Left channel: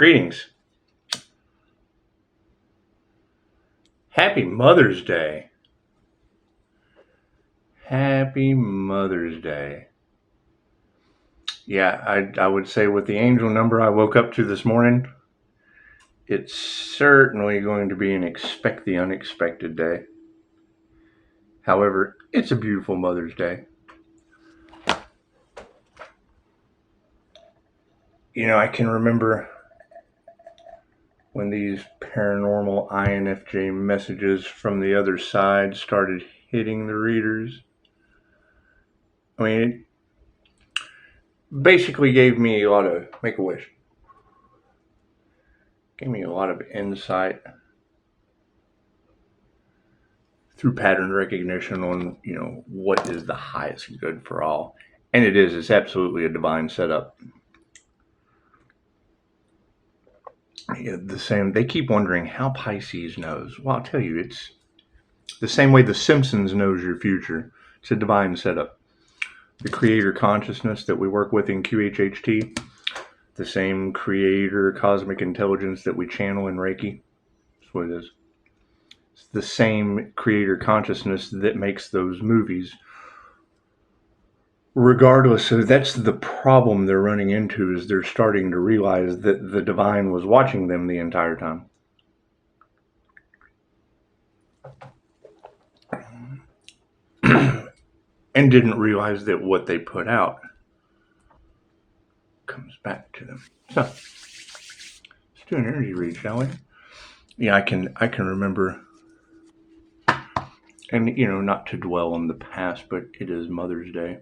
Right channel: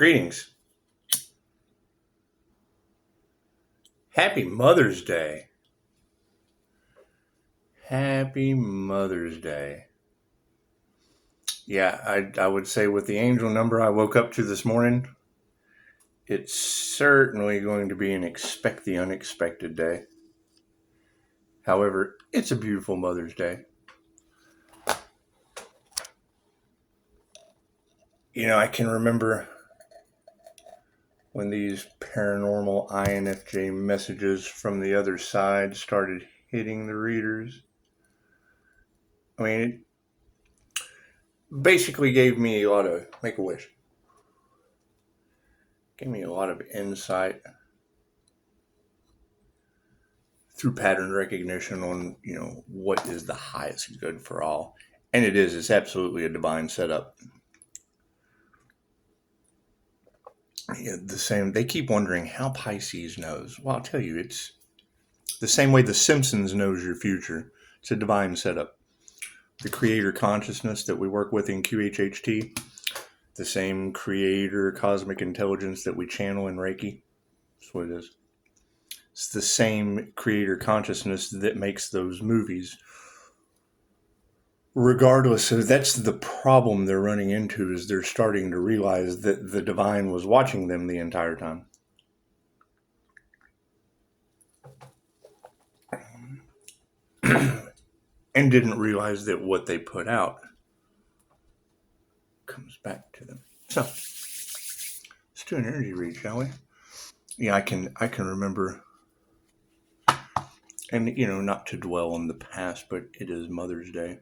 Greetings. Happy Mother's Day. Happy Mother's Day. Yeah, I would say with the angel number I woke up to this morning, it's certainly going to be an expect the unexpected day. However, it's a beautiful Mother's Day. You know, I can remember when these paranormal INFJ messages from the other side started hitting the readers. I mean, it basically gave me a lot of make-a-wish. Gave me a lot of insight through pattern recognition on, what is the highest good for all. And it's absolutely a divine setup. The same, they keep wondering how Pisces knows. Well, I'll tell you, it's the same way the Simpsons knows your future. It's a divine setup. The creator consciousness that we work with in QHHT, the same creator cosmic intelligence that we channel in Reiki. That's what it is. It's the same creator consciousness that makes those movies. Regardless, so that's the problem they're running into, is they're starting to realize that the divine was watching them the entire time. And didn't realize that what they put out comes back to them. So let's do an energy read, shall we? Yeah, I can remember, and not to dwell on the past, but it is Mother's Day.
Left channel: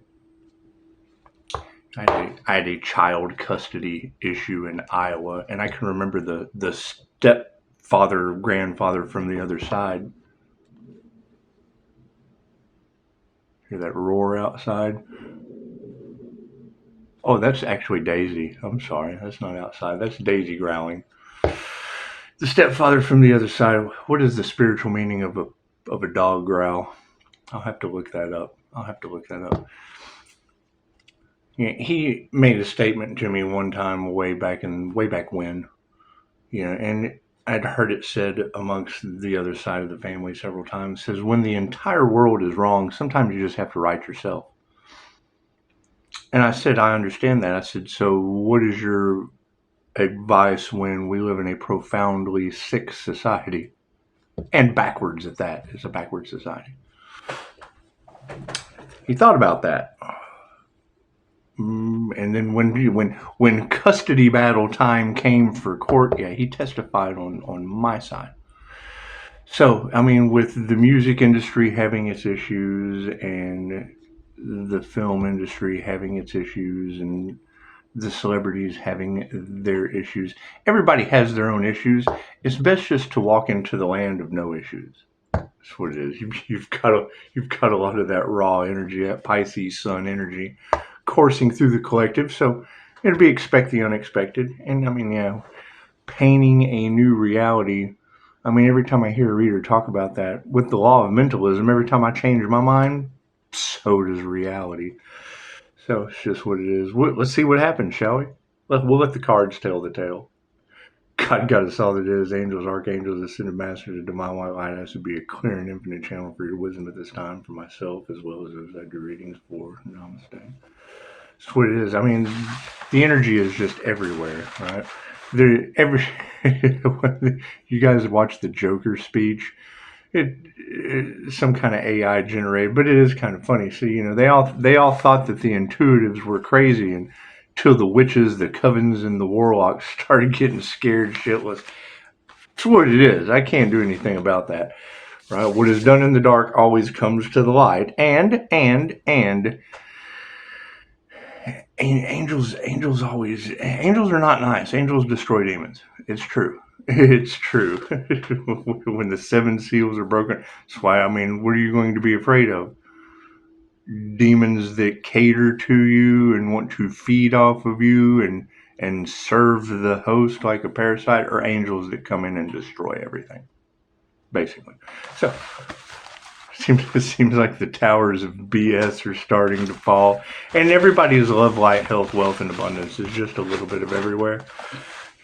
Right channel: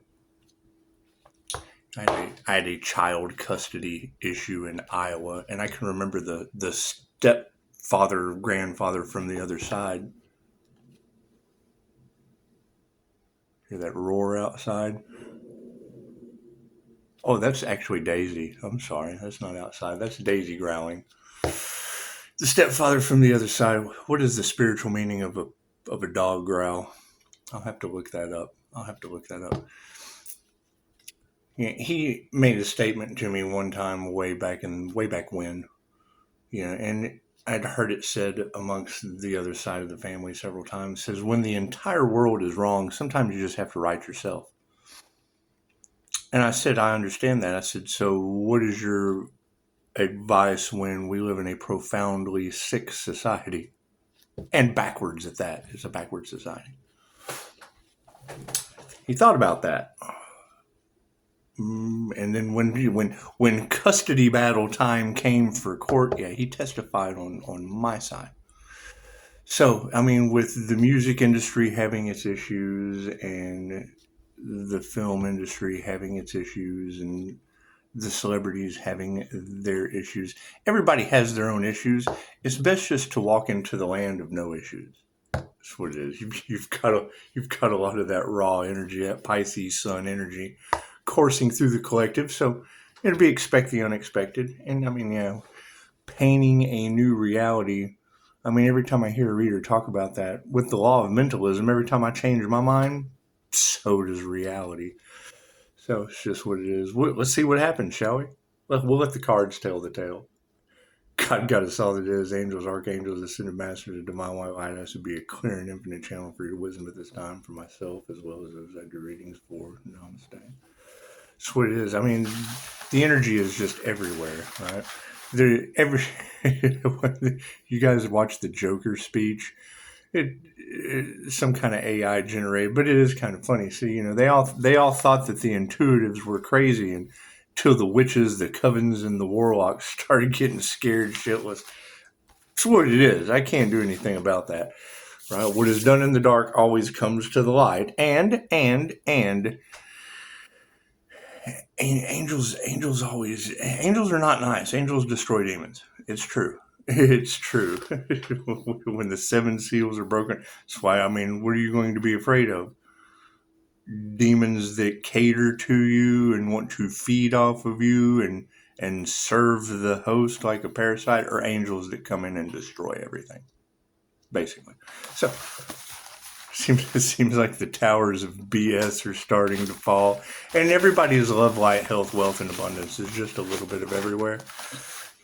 I had a child custody issue in Iowa, and I can remember the stepfather, grandfather from the other side. Hear that roar outside? Oh, that's actually Daisy. I'm sorry, that's not outside. That's Daisy growling. The stepfather from the other side. What is the spiritual meaning of a dog growl? I'll have to look that up. He made a statement to me one time way back when, and I'd heard it said amongst the other side of the family several times. It says, when the entire world is wrong, sometimes you just have to right yourself. And I said, I understand that. I said, so what is your advice when we live in a profoundly sick society? And backwards at that. It's a backward society. He thought about that. And then when custody battle time came for court, he testified on my side. So, I mean, with the music industry having its issues and the film industry having its issues and the celebrities having their issues, everybody has their own issues. It's best just to walk into the land of no issues. That's what it is. You've got a lot of that raw energy, that Pisces sun energy coursing through the collective, so it'll be expect the unexpected. And I mean, painting a new reality. I mean, every time I hear a reader talk about that with the law of mentalism, every time I change my mind, so does reality. So it's just what it is. Let's see what happens, shall we? We'll let the cards tell the tale. God got us all that is, angels, archangels, ascended masters, and divine white light. Has to be a clear and infinite channel for your wisdom at this time, for myself as well as those I do readings for. Namaste. That's what it is. I mean, the energy is just everywhere, right? You guys watch the Joker speech. It's some kind of AI generated, but it is kind of funny. So they all thought that the intuitives were crazy until the witches, the covens, and the warlocks started getting scared shitless. That's what it is. I can't do anything about that, right? What is done in the dark always comes to the light, and angels are not nice. Angels destroy demons. It's true. When the 7 seals are broken, that's why, I mean, what are you going to be afraid of? Demons that cater to you and want to feed off of you and serve the host like a parasite, or angels that come in and destroy everything, basically. So it seems like the towers of BS are starting to fall, and everybody's love, light, health, wealth, and abundance is just a little bit of everywhere.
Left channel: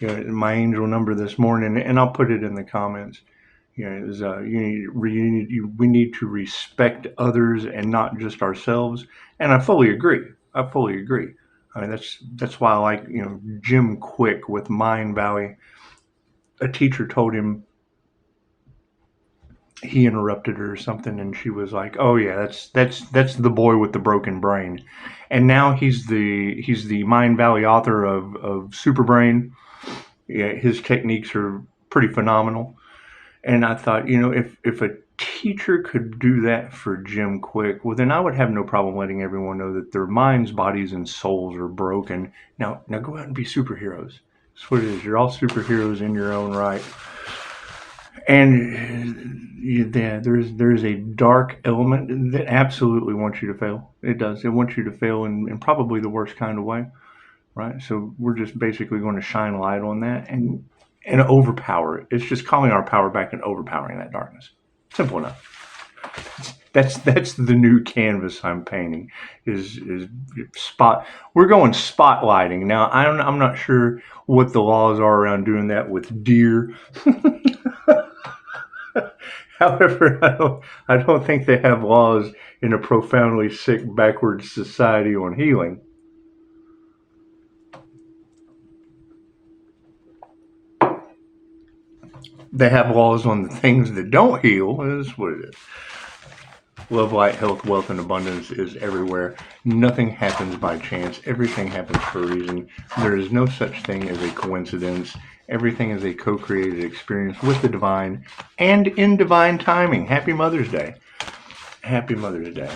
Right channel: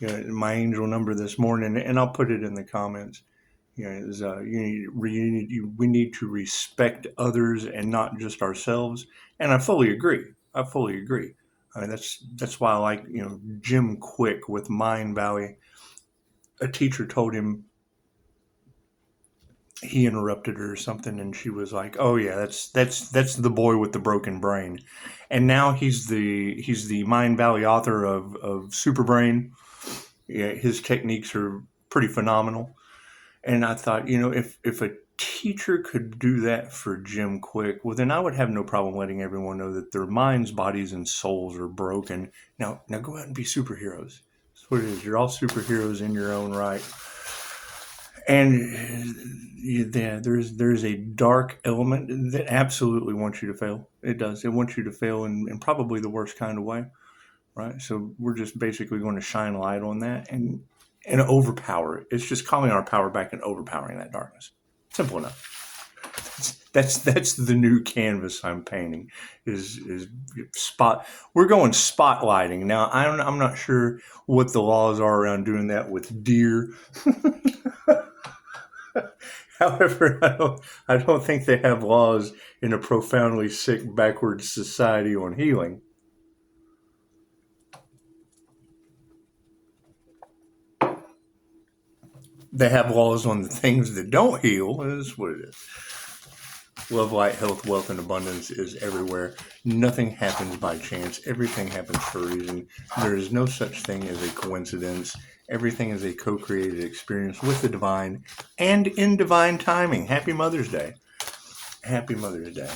My angel number this morning, and I'll put it in the comments. Is we need to respect others and not just ourselves. And I fully agree. I fully agree. I mean, that's why I like Jim Quick with Mind Valley. A teacher told him, he interrupted her or something, and she was like, "Oh yeah, that's the boy with the broken brain," and now he's the Mind Valley author of Super Brain. Yeah, his techniques are pretty phenomenal. And I thought, if a teacher could do that for Jim Quick, well, then I would have no problem letting everyone know that their minds, bodies, and souls are broken. Now go out and be superheroes. That's what it is. You're all superheroes in your own right. And there's a dark element that absolutely wants you to fail. It does. It wants you to fail in probably the worst kind of way, right? So we're just basically going to shine light on that and overpower it. It's just calling our power back and overpowering that darkness. Simple enough. That's the new canvas I'm painting. Is spot. We're going spotlighting now. I'm not sure what the laws are around doing that with deer. However, I don't think they have laws in a profoundly sick, backwards society on healing. They have laws on the things that don't heal. Is what it is. Love, light, health, wealth, and abundance is everywhere. Nothing happens by chance. Everything happens for a reason. There is no such thing as a coincidence. Everything is a co-created experience with the divine and in divine timing. Happy Mother's Day. Happy Mother's Day.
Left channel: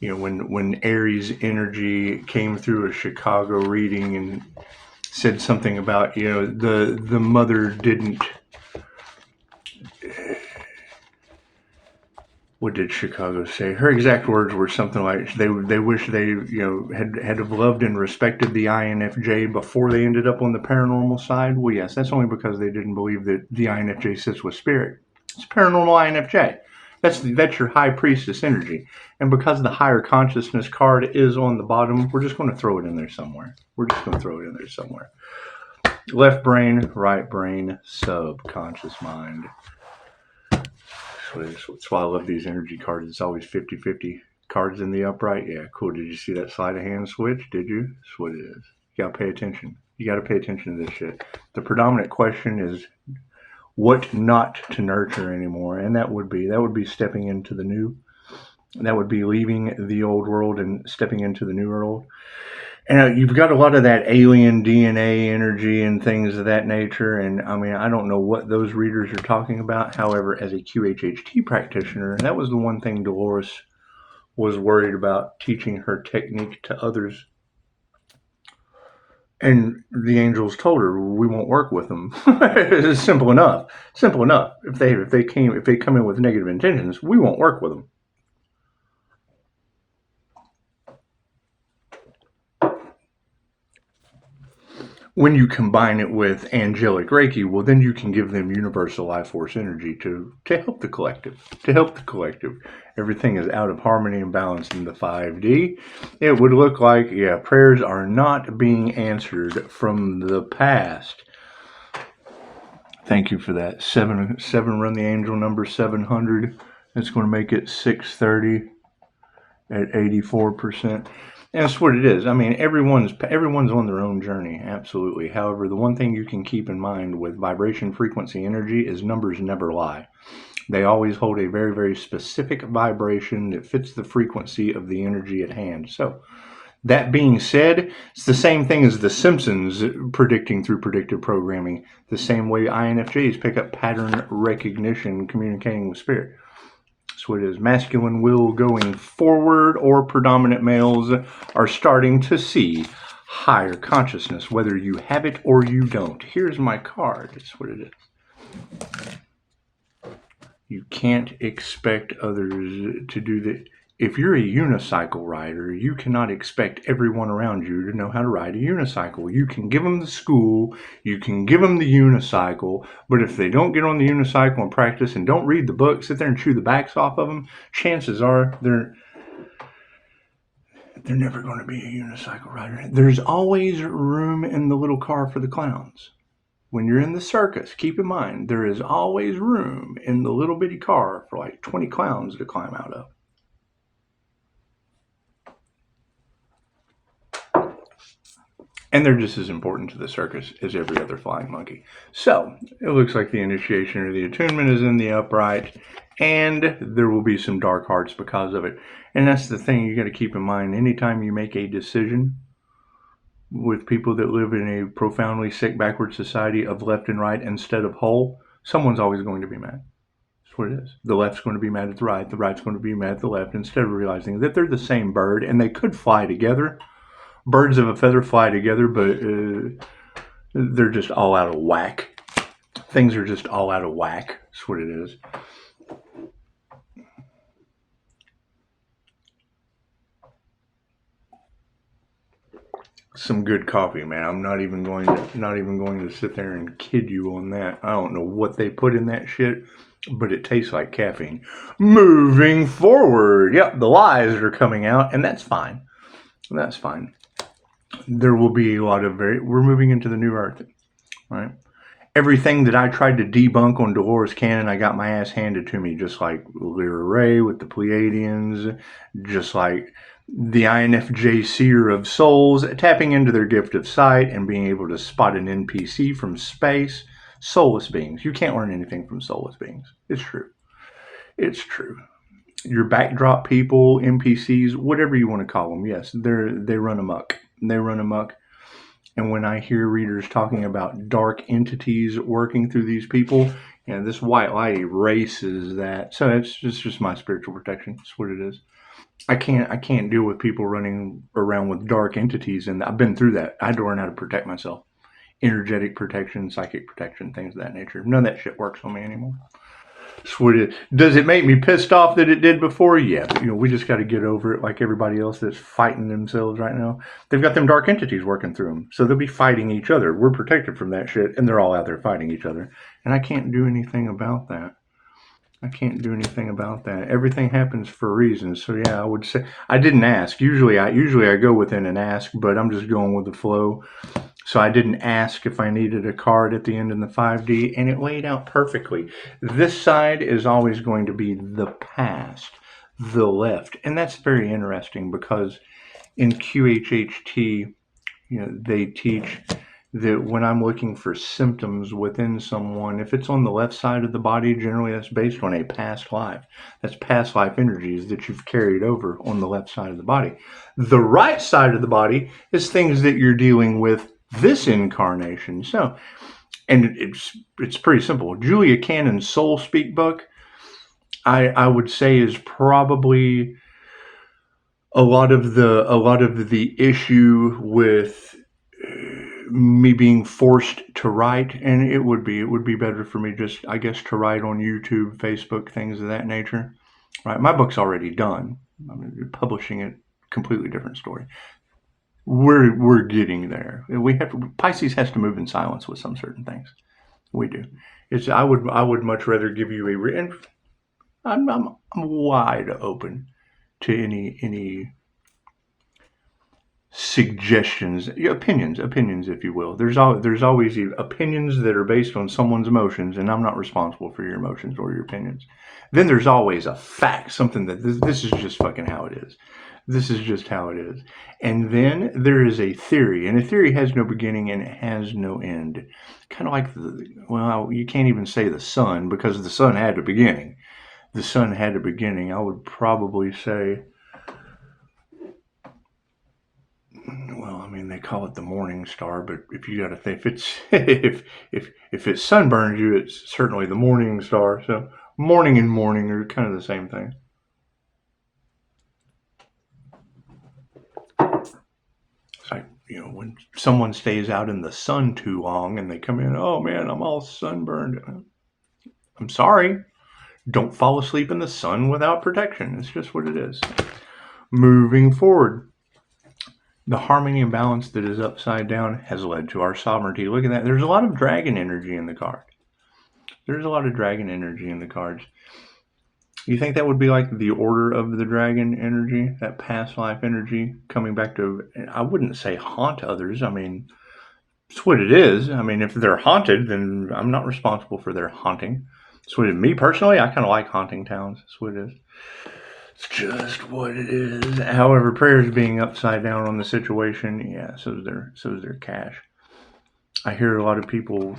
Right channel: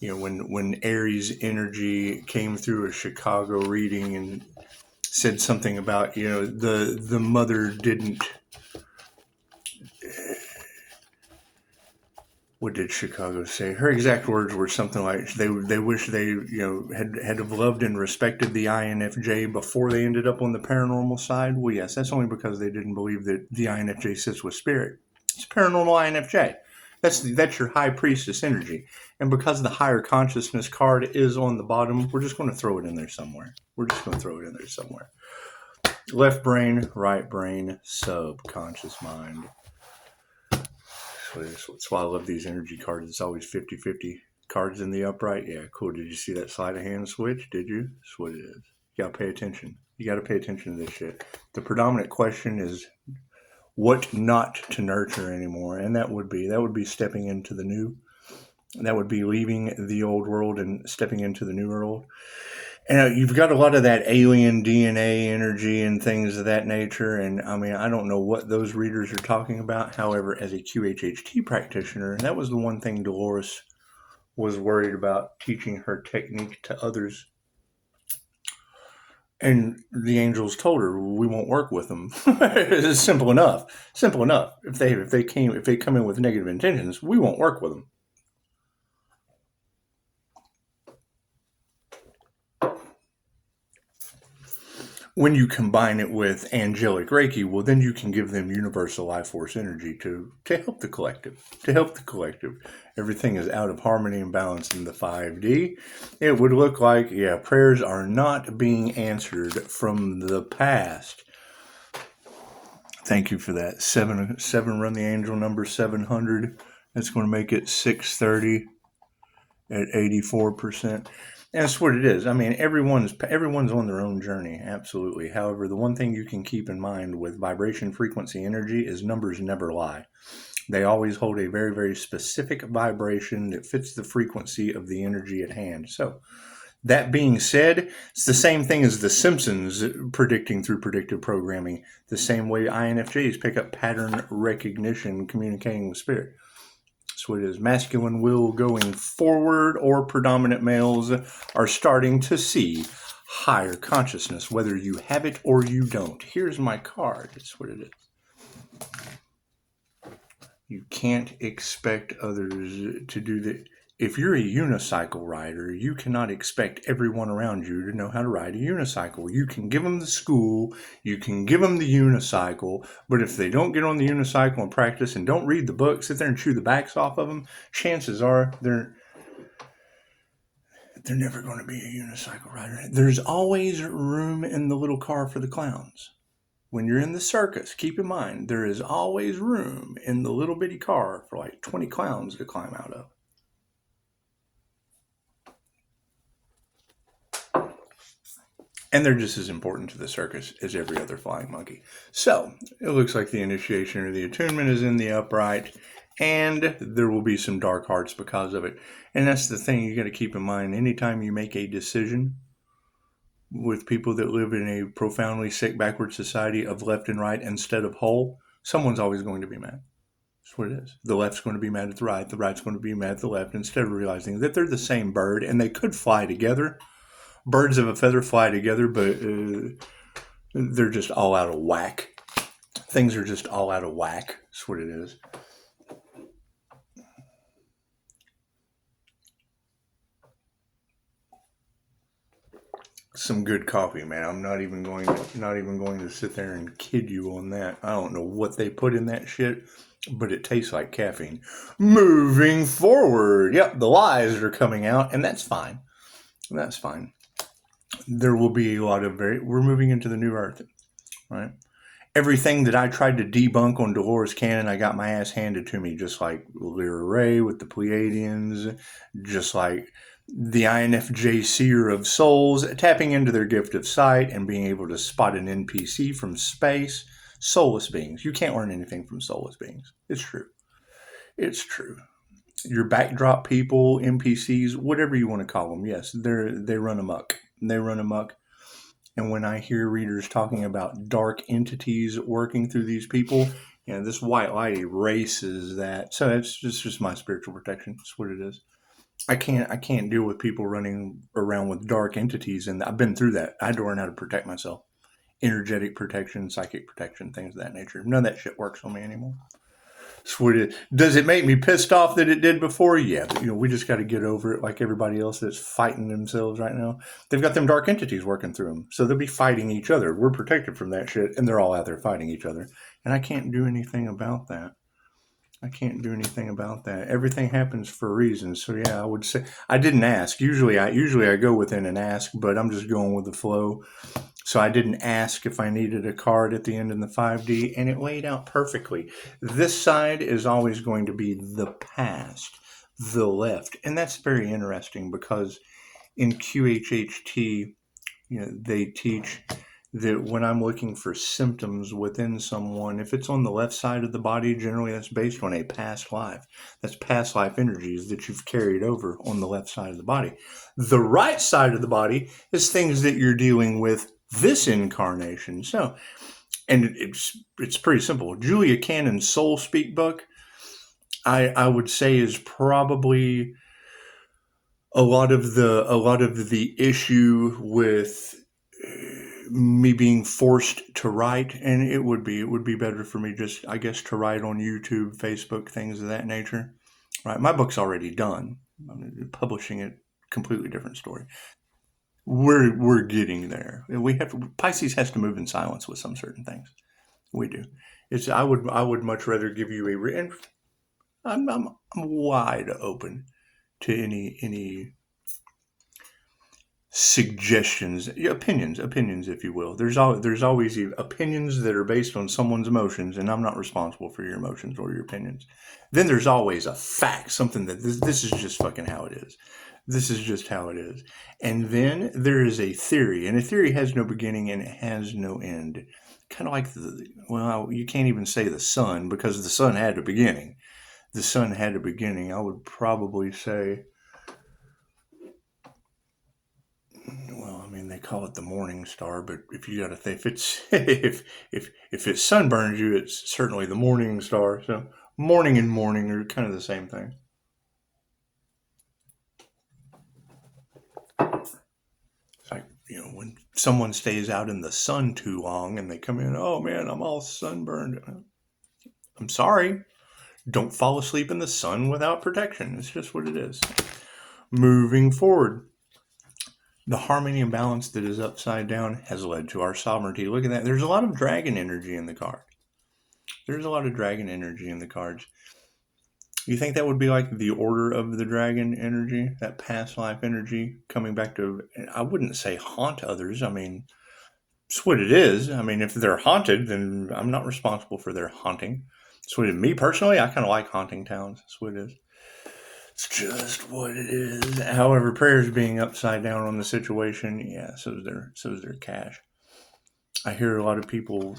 When Aries energy came through a Chicago reading and said something about, the mother didn't. What did Chicago say? Her exact words were something like they wish they had have loved and respected the INFJ before they ended up on the paranormal side. Well, yes, that's only because they didn't believe that the INFJ sits with spirit. It's paranormal INFJ. That's your high priestess energy, and because the higher consciousness card is on the bottom, we're just going to throw it in there somewhere. Left brain, right brain, subconscious mind. That's why I love these energy cards. It's always 50-50 cards in the upright. Yeah, cool. Did you see that sleight of hand switch? Did you? That's what it is. You got to pay attention. You got to pay attention to this shit. The predominant question is what not to nurture anymore. And that would be stepping into the new. That would be leaving the old world and stepping into the new world. And you've got a lot of that alien DNA energy and things of that nature. And I mean, I don't know what those readers are talking about. However, as a QHHT practitioner, that was the one thing Dolores was worried about, teaching her technique to others. And the angels told her, we won't work with them. It's simple enough. If they come in with negative intentions, we won't work with them. When you combine it with angelic Reiki, well, then you can give them universal life force energy to help the collective. Everything is out of harmony and balance in the 5D. It would look like, prayers are not being answered from the past. Thank you for that. 7 run the angel number 700. That's going to make it 630 at 84%. And that's what it is. I mean, everyone's on their own journey, absolutely. However, the one thing you can keep in mind with vibration, frequency, energy is numbers never lie. They always hold a very, very specific vibration that fits the frequency of the energy at hand. So, that being said, it's the same thing as the Simpsons predicting through predictive programming, the same way INFJs pick up pattern recognition communicating with spirit. That's what it is. Masculine will going forward, or predominant males are starting to see higher consciousness, whether you have it or you don't. Here's my card. That's what it is. You can't expect others to do that. If you're a unicycle rider, you cannot expect everyone around you to know how to ride a unicycle. You can give them the school, you can give them the unicycle, but if they don't get on the unicycle and practice and don't read the book, sit there and chew the backs off of them, chances are they're never going to be a unicycle rider. There's always room in the little car for the clowns. When you're in the circus, keep in mind, there is always room in the little bitty car for like 20 clowns to climb out of. And they're just as important to the circus as every other flying monkey. So, it looks like the initiation or the attunement is in the upright, and there will be some dark hearts because of it. And that's the thing you got to keep in mind. Anytime you make a decision with people that live in a profoundly sick, backward society of left and right instead of whole, someone's always going to be mad. That's what it is. The left's going to be mad at the right's going to be mad at the left, instead of realizing that they're the same bird and they could fly together. Birds of a feather fly together, but they're just all out of whack. Things are just all out of whack. That's what it is. Some good coffee, man. I'm not even going to sit there and kid you on that. I don't know what they put in that shit, but it tastes like caffeine. Moving forward, yep, the lies are coming out, and that's fine. That's fine. There will be a lot of we're moving into the new earth, right? Everything that I tried to debunk on Dolores Cannon, I got my ass handed to me, just like Lyra Ray with the Pleiadians, just like the INFJ Seer of Souls, tapping into their gift of sight and being able to spot an NPC from space. Soulless beings. You can't learn anything from soulless beings. It's true. It's true. Your backdrop people, NPCs, whatever you want to call them, yes, they run amok. They run amok. And when I hear readers talking about dark entities working through these people, this white light erases that. So it's just my spiritual protection. That's what it is. I can't deal with people running around with dark entities, and I've been through that. I had to learn how to protect myself. Energetic protection, psychic protection, things of that nature. None of that shit works on me anymore. Does it make me pissed off that it did before? Yeah. We just got to get over it, like everybody else that's fighting themselves right now. They've got them dark entities working through them, so they'll be fighting each other. We're protected from that shit, and they're all out there fighting each other. And I can't do anything about that. Everything happens for a reason. So yeah, I would say I didn't ask. Usually I go within an ask, but I'm just going with the flow. So I didn't ask if I needed a card at the end in the 5D, and it laid out perfectly. This side is always going to be the past, the left. And that's very interesting because in QHHT, they teach that when I'm looking for symptoms within someone, if it's on the left side of the body, generally that's based on a past life. That's past life energies that you've carried over on the left side of the body. The right side of the body is things that you're dealing with this incarnation. So, and it's pretty simple. Julia Cannon's Soul Speak book, I would say, is probably a lot of the issue with me being forced to write, and it would be better for me just, I guess, to write on YouTube, Facebook, things of that nature. Right, my book's already done. Publishing it, completely different story. We're getting there. Pisces has to move in silence with some certain things. We do. I would much rather give you I'm wide open to any suggestions, opinions, if you will. There's always opinions that are based on someone's emotions, and I'm not responsible for your emotions or your opinions. Then there's always a fact, something that this is just fucking how it is. This is just how it is. And then there is a theory, and a theory has no beginning and it has no end. Kind of like you can't even say the sun, because the sun had a beginning. The sun had a beginning. I would probably say, they call it the morning star, but if you got to think, if it sunburns you, it's certainly the morning star. So morning and morning are kind of the same thing. It's like, when someone stays out in the sun too long and they come in, oh man, I'm all sunburned. I'm sorry. Don't fall asleep in the sun without protection. It's just what it is. Moving forward. The harmony and balance that is upside down has led to our sovereignty. Look at that. There's a lot of dragon energy in the card. You think that would be like the Order of the Dragon energy, that past life energy coming back to, I wouldn't say haunt others. I mean, it's what it is. I mean, if they're haunted, then I'm not responsible for their haunting. It's what it is. Me personally, I kind of like haunting towns. That's what it is. It's just what it is. However, prayers being upside down on the situation, yeah, so is their cash. I hear a lot of people,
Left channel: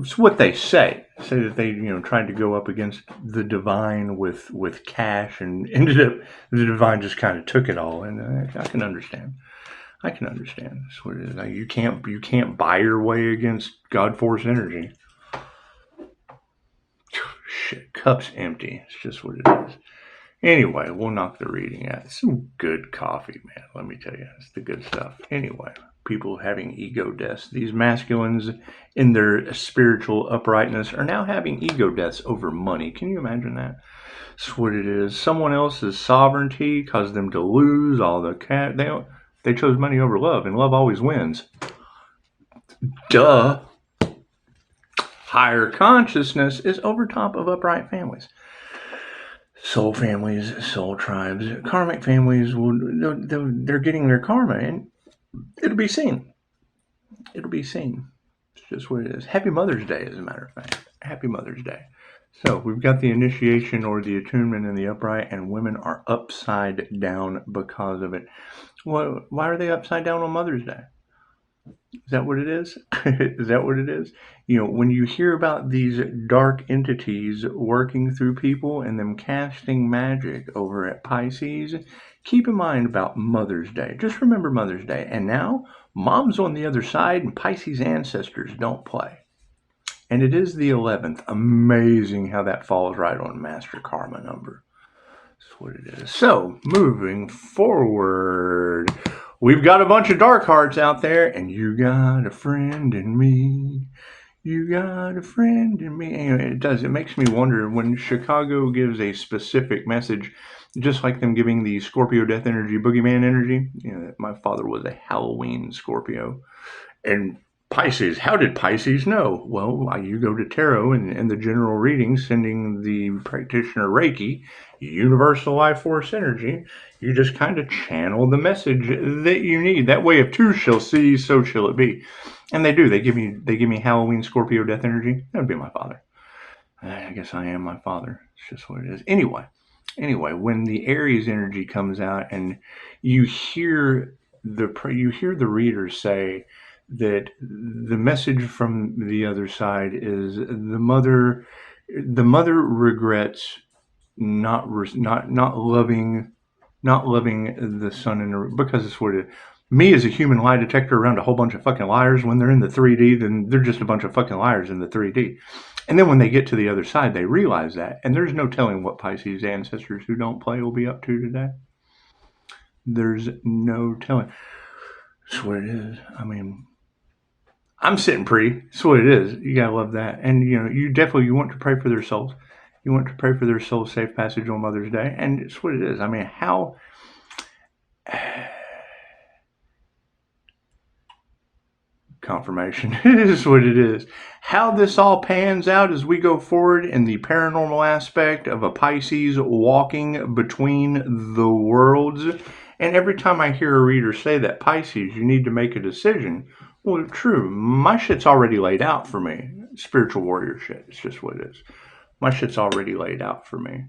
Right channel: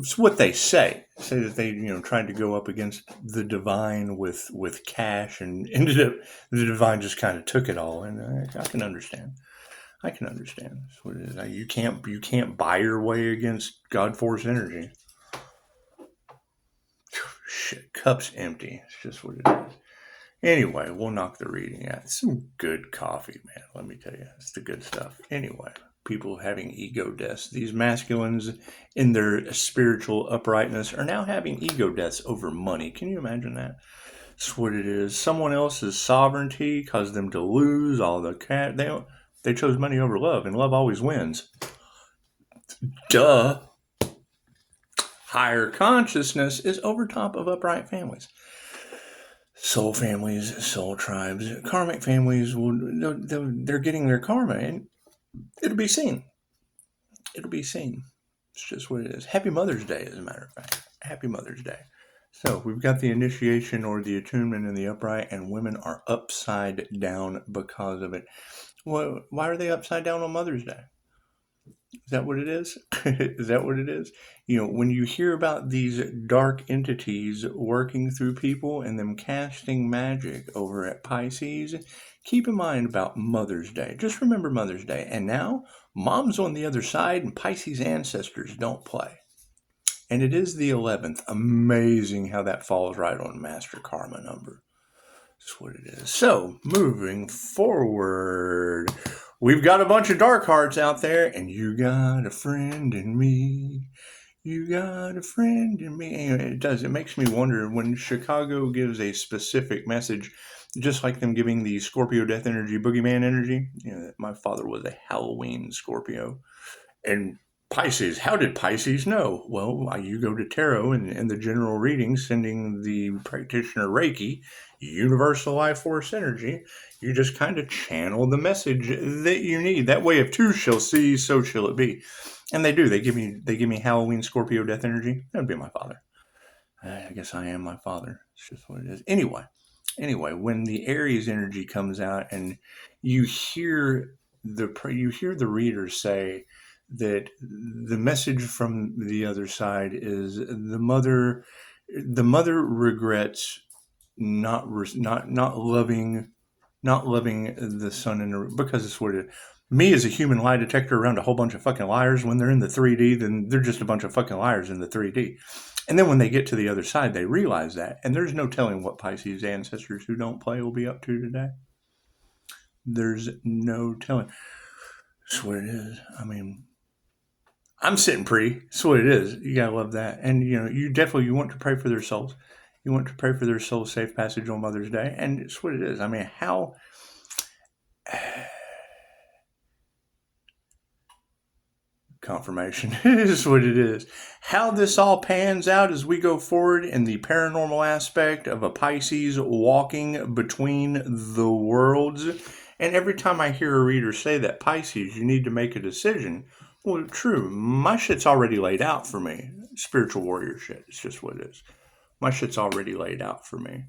it's what they say that they tried to go up against the divine with cash, and ended up the divine just kind of took it all. And I can understand. That's what it is. Like, you can't buy your way against God force energy. Shit, cup's empty. It's just what it is. Anyway, we'll knock the reading out. It's some good coffee, man. Let me tell you, it's the good stuff. Anyway, people having ego deaths. These masculines in their spiritual uprightness are now having ego deaths over money. Can you imagine that? That's what it is. Someone else's sovereignty caused them to lose all the They chose money over love, and love always wins. Duh. Higher consciousness is over top of upright families. Soul families, soul tribes, karmic families, they're getting their karma, and it'll be seen. It'll be seen. It's just what it is. Happy Mother's Day, as a matter of fact. Happy Mother's Day. So we've got the initiation or the attunement in the upright, and women are upside down because of it. Well, why are they upside down on Mother's Day? Is that what it is? Is that what it is? When you hear about these dark entities working through people and them casting magic over at Pisces, keep in mind about Mother's Day. Just remember Mother's Day. And now, Mom's on the other side, and Pisces ancestors don't play. And it is the 11th. Amazing how that falls right on Master Karma number. That's what it is. So, moving forward, we've got a bunch of dark hearts out there, and you got a friend in me. You got a friend in me. And it makes me wonder when Chicago gives a specific message, just like them giving the Scorpio death energy, boogeyman energy. My father was a Halloween Scorpio. And Pisces, how did Pisces know? Well, you go to tarot and the general reading, sending the practitioner Reiki, universal life force energy. You just kind of channel the message that you need. That way, if two shall see, so shall it be. And they do. They give me Halloween Scorpio death energy. That would be my father. I guess I am my father. It's just what it is. Anyway, when the Aries energy comes out and you hear the reader say that the message from the other side is the mother regrets not loving the son, because it's what it is. Me as a human lie detector around a whole bunch of fucking liars, when they're in the 3D, then they're just a bunch of fucking liars in the 3D. And then when they get to the other side, they realize that. And there's no telling what Pisces ancestors who don't play will be up to today. There's no telling. That's what it is. I mean, I'm sitting pretty. That's what it is. You gotta love that. And you want to pray for their souls. You want to pray for their soul's safe passage on Mother's Day. And it's what it is. I mean, how confirmation is what it is. How this all pans out as we go forward in the paranormal aspect of a Pisces walking between the worlds. And every time I hear a reader say that, Pisces, you need to make a decision. Well, true. My shit's already laid out for me. Spiritual warrior shit. It's just what it is. My shit's already laid out for me.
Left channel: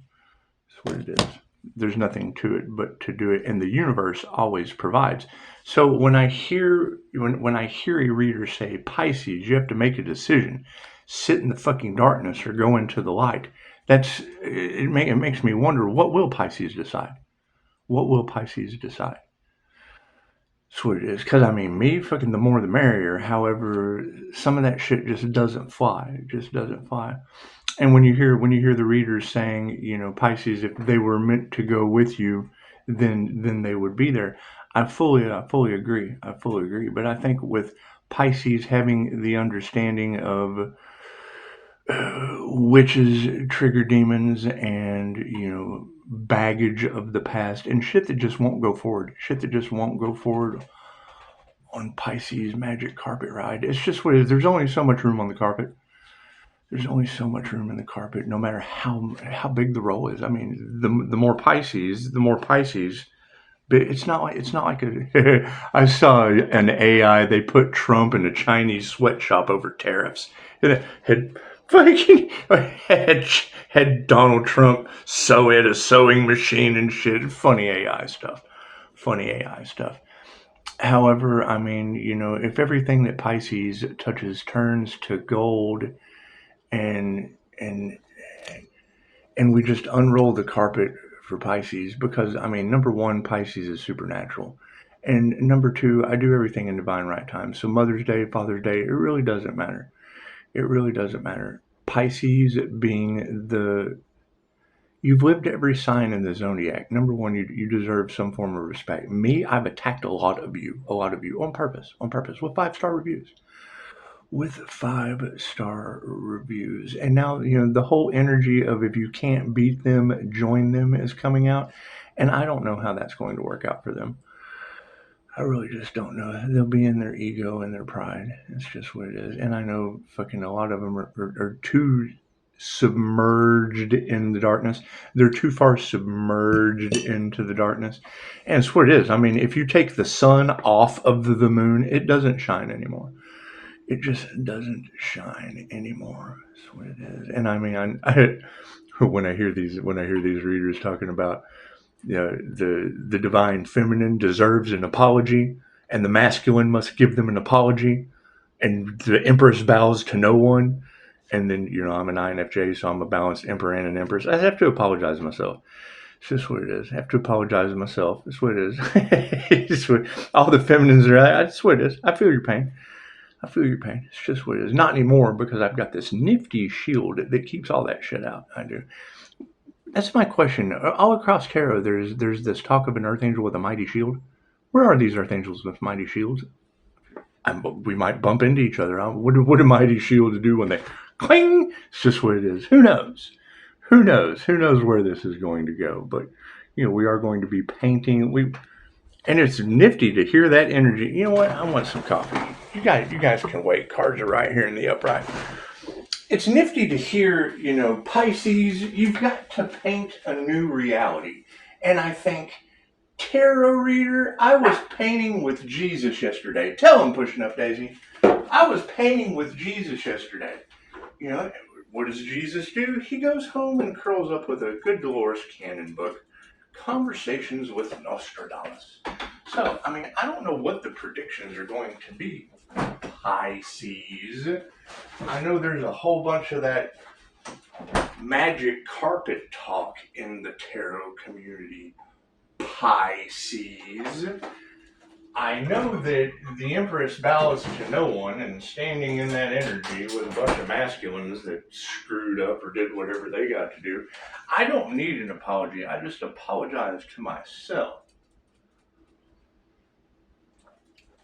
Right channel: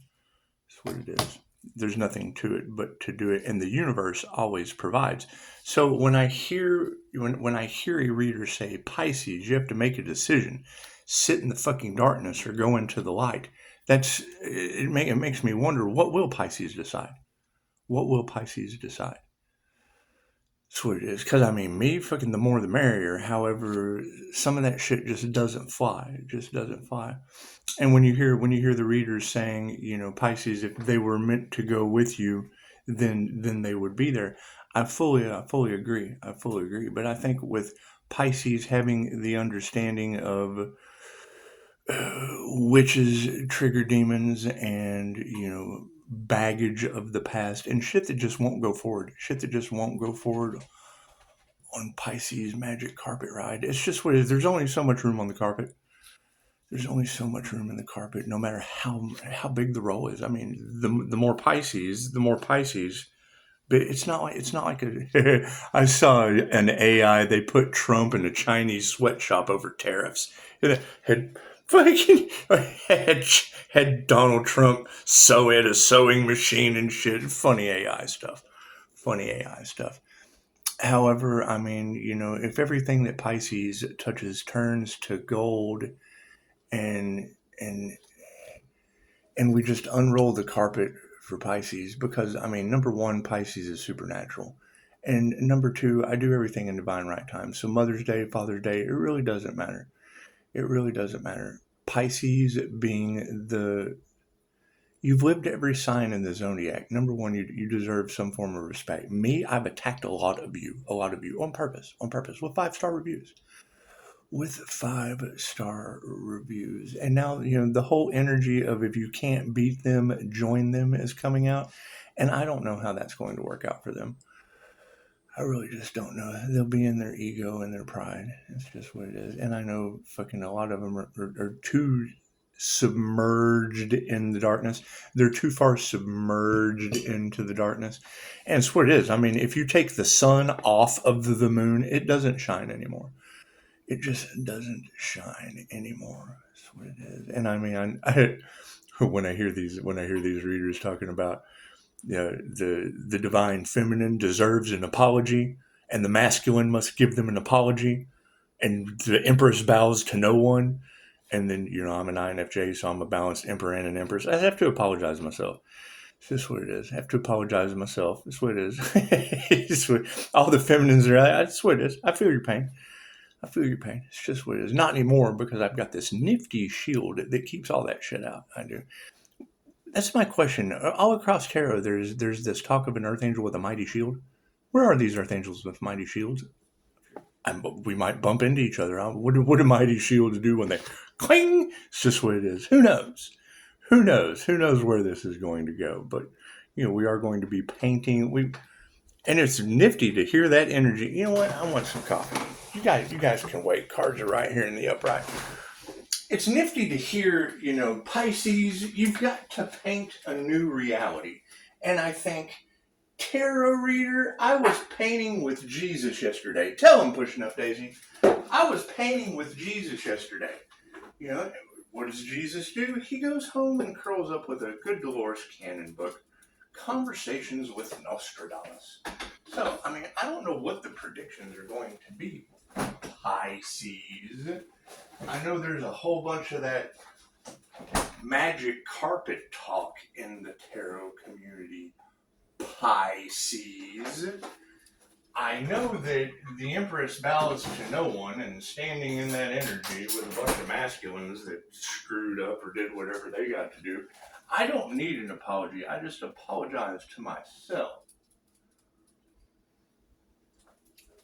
That's what it is. There's nothing to it but to do it, and the universe always provides. So when I hear a reader say, Pisces, you have to make a decision, sit in the fucking darkness or go into the light, it makes me wonder, what will Pisces decide? What will Pisces decide? That's what it is. Because, I mean, me, fucking the more the merrier. However, some of that shit just doesn't fly. It just doesn't fly. And when you hear the readers saying, Pisces, if they were meant to go with you, then they would be there. I fully agree. But I think with Pisces having the understanding of witches, trigger demons, and baggage of the past, and shit that just won't go forward. On Pisces magic carpet ride. It's just what it is. There's only so much room on the carpet. there's only so much room in the carpet, no matter how big the roll is. I mean, the more Pisces, but it's not like a. I saw an AI. They put Trump in a Chinese sweatshop over tariffs. It had fucking had Donald Trump sew at a sewing machine and shit. Funny AI stuff. Funny AI stuff. However, I mean, if everything that Pisces touches turns to gold, and and and we just unroll the carpet for Pisces, because I mean, number one, Pisces is supernatural, and number two, I do everything in divine right time. So Mother's Day, Father's Day, it really doesn't matter. It really doesn't matter. Pisces being you've lived every sign in the zodiac. Number one, you deserve some form of respect. Me, I've attacked a lot of you on purpose, with 5-star reviews. With 5-star reviews. And now, the whole energy of if you can't beat them, join them is coming out. And I don't know how that's going to work out for them. I really just don't know. They'll be in their ego and their pride. It's just what it is. And I know fucking a lot of them are too submerged in the darkness. They're too far submerged into the darkness. And it's what it is. I mean, if you take the sun off of the moon, it doesn't shine anymore. It just doesn't shine anymore. That's what it is. And I mean, when I hear these readers talking about, the divine feminine deserves an apology, and the masculine must give them an apology, and the empress bows to no one, and then I'm an INFJ, so I'm a balanced emperor and an empress. I have to apologize to myself. It's just what it is. I have to apologize to myself. It's what it is. All the feminines are. That's what it is. I feel your pain. It's just what it is. Not anymore, because I've got this nifty shield that keeps all that shit out. I do. That's my question. All across tarot, there's this talk of an earth angel with a mighty shield. Where are these earth angels with mighty shields? We might bump into each other. What do mighty shields do when they cling? It's just what it is. Who knows? Who knows where this is going to go? But we are going to be painting. And it's nifty to hear that energy. You know what? I want some coffee. You guys can wait. Cards are right here in the upright. It's nifty to hear, Pisces, you've got to paint a new reality. And I think, tarot reader, I was painting with Jesus yesterday. Tell him, Pushing Up Daisy. I was painting with Jesus yesterday. What does Jesus do? He goes home and curls up with a good Dolores Cannon book, Conversations with Nostradamus. So, I mean, I don't know what the predictions are going to be, Pisces. I know there's a whole bunch of that magic carpet talk in the tarot community, Pisces. I know that the Empress bows to no one, and standing in that energy with a bunch of masculines that screwed up or did whatever they got to do, I don't need an apology. I just apologize to myself.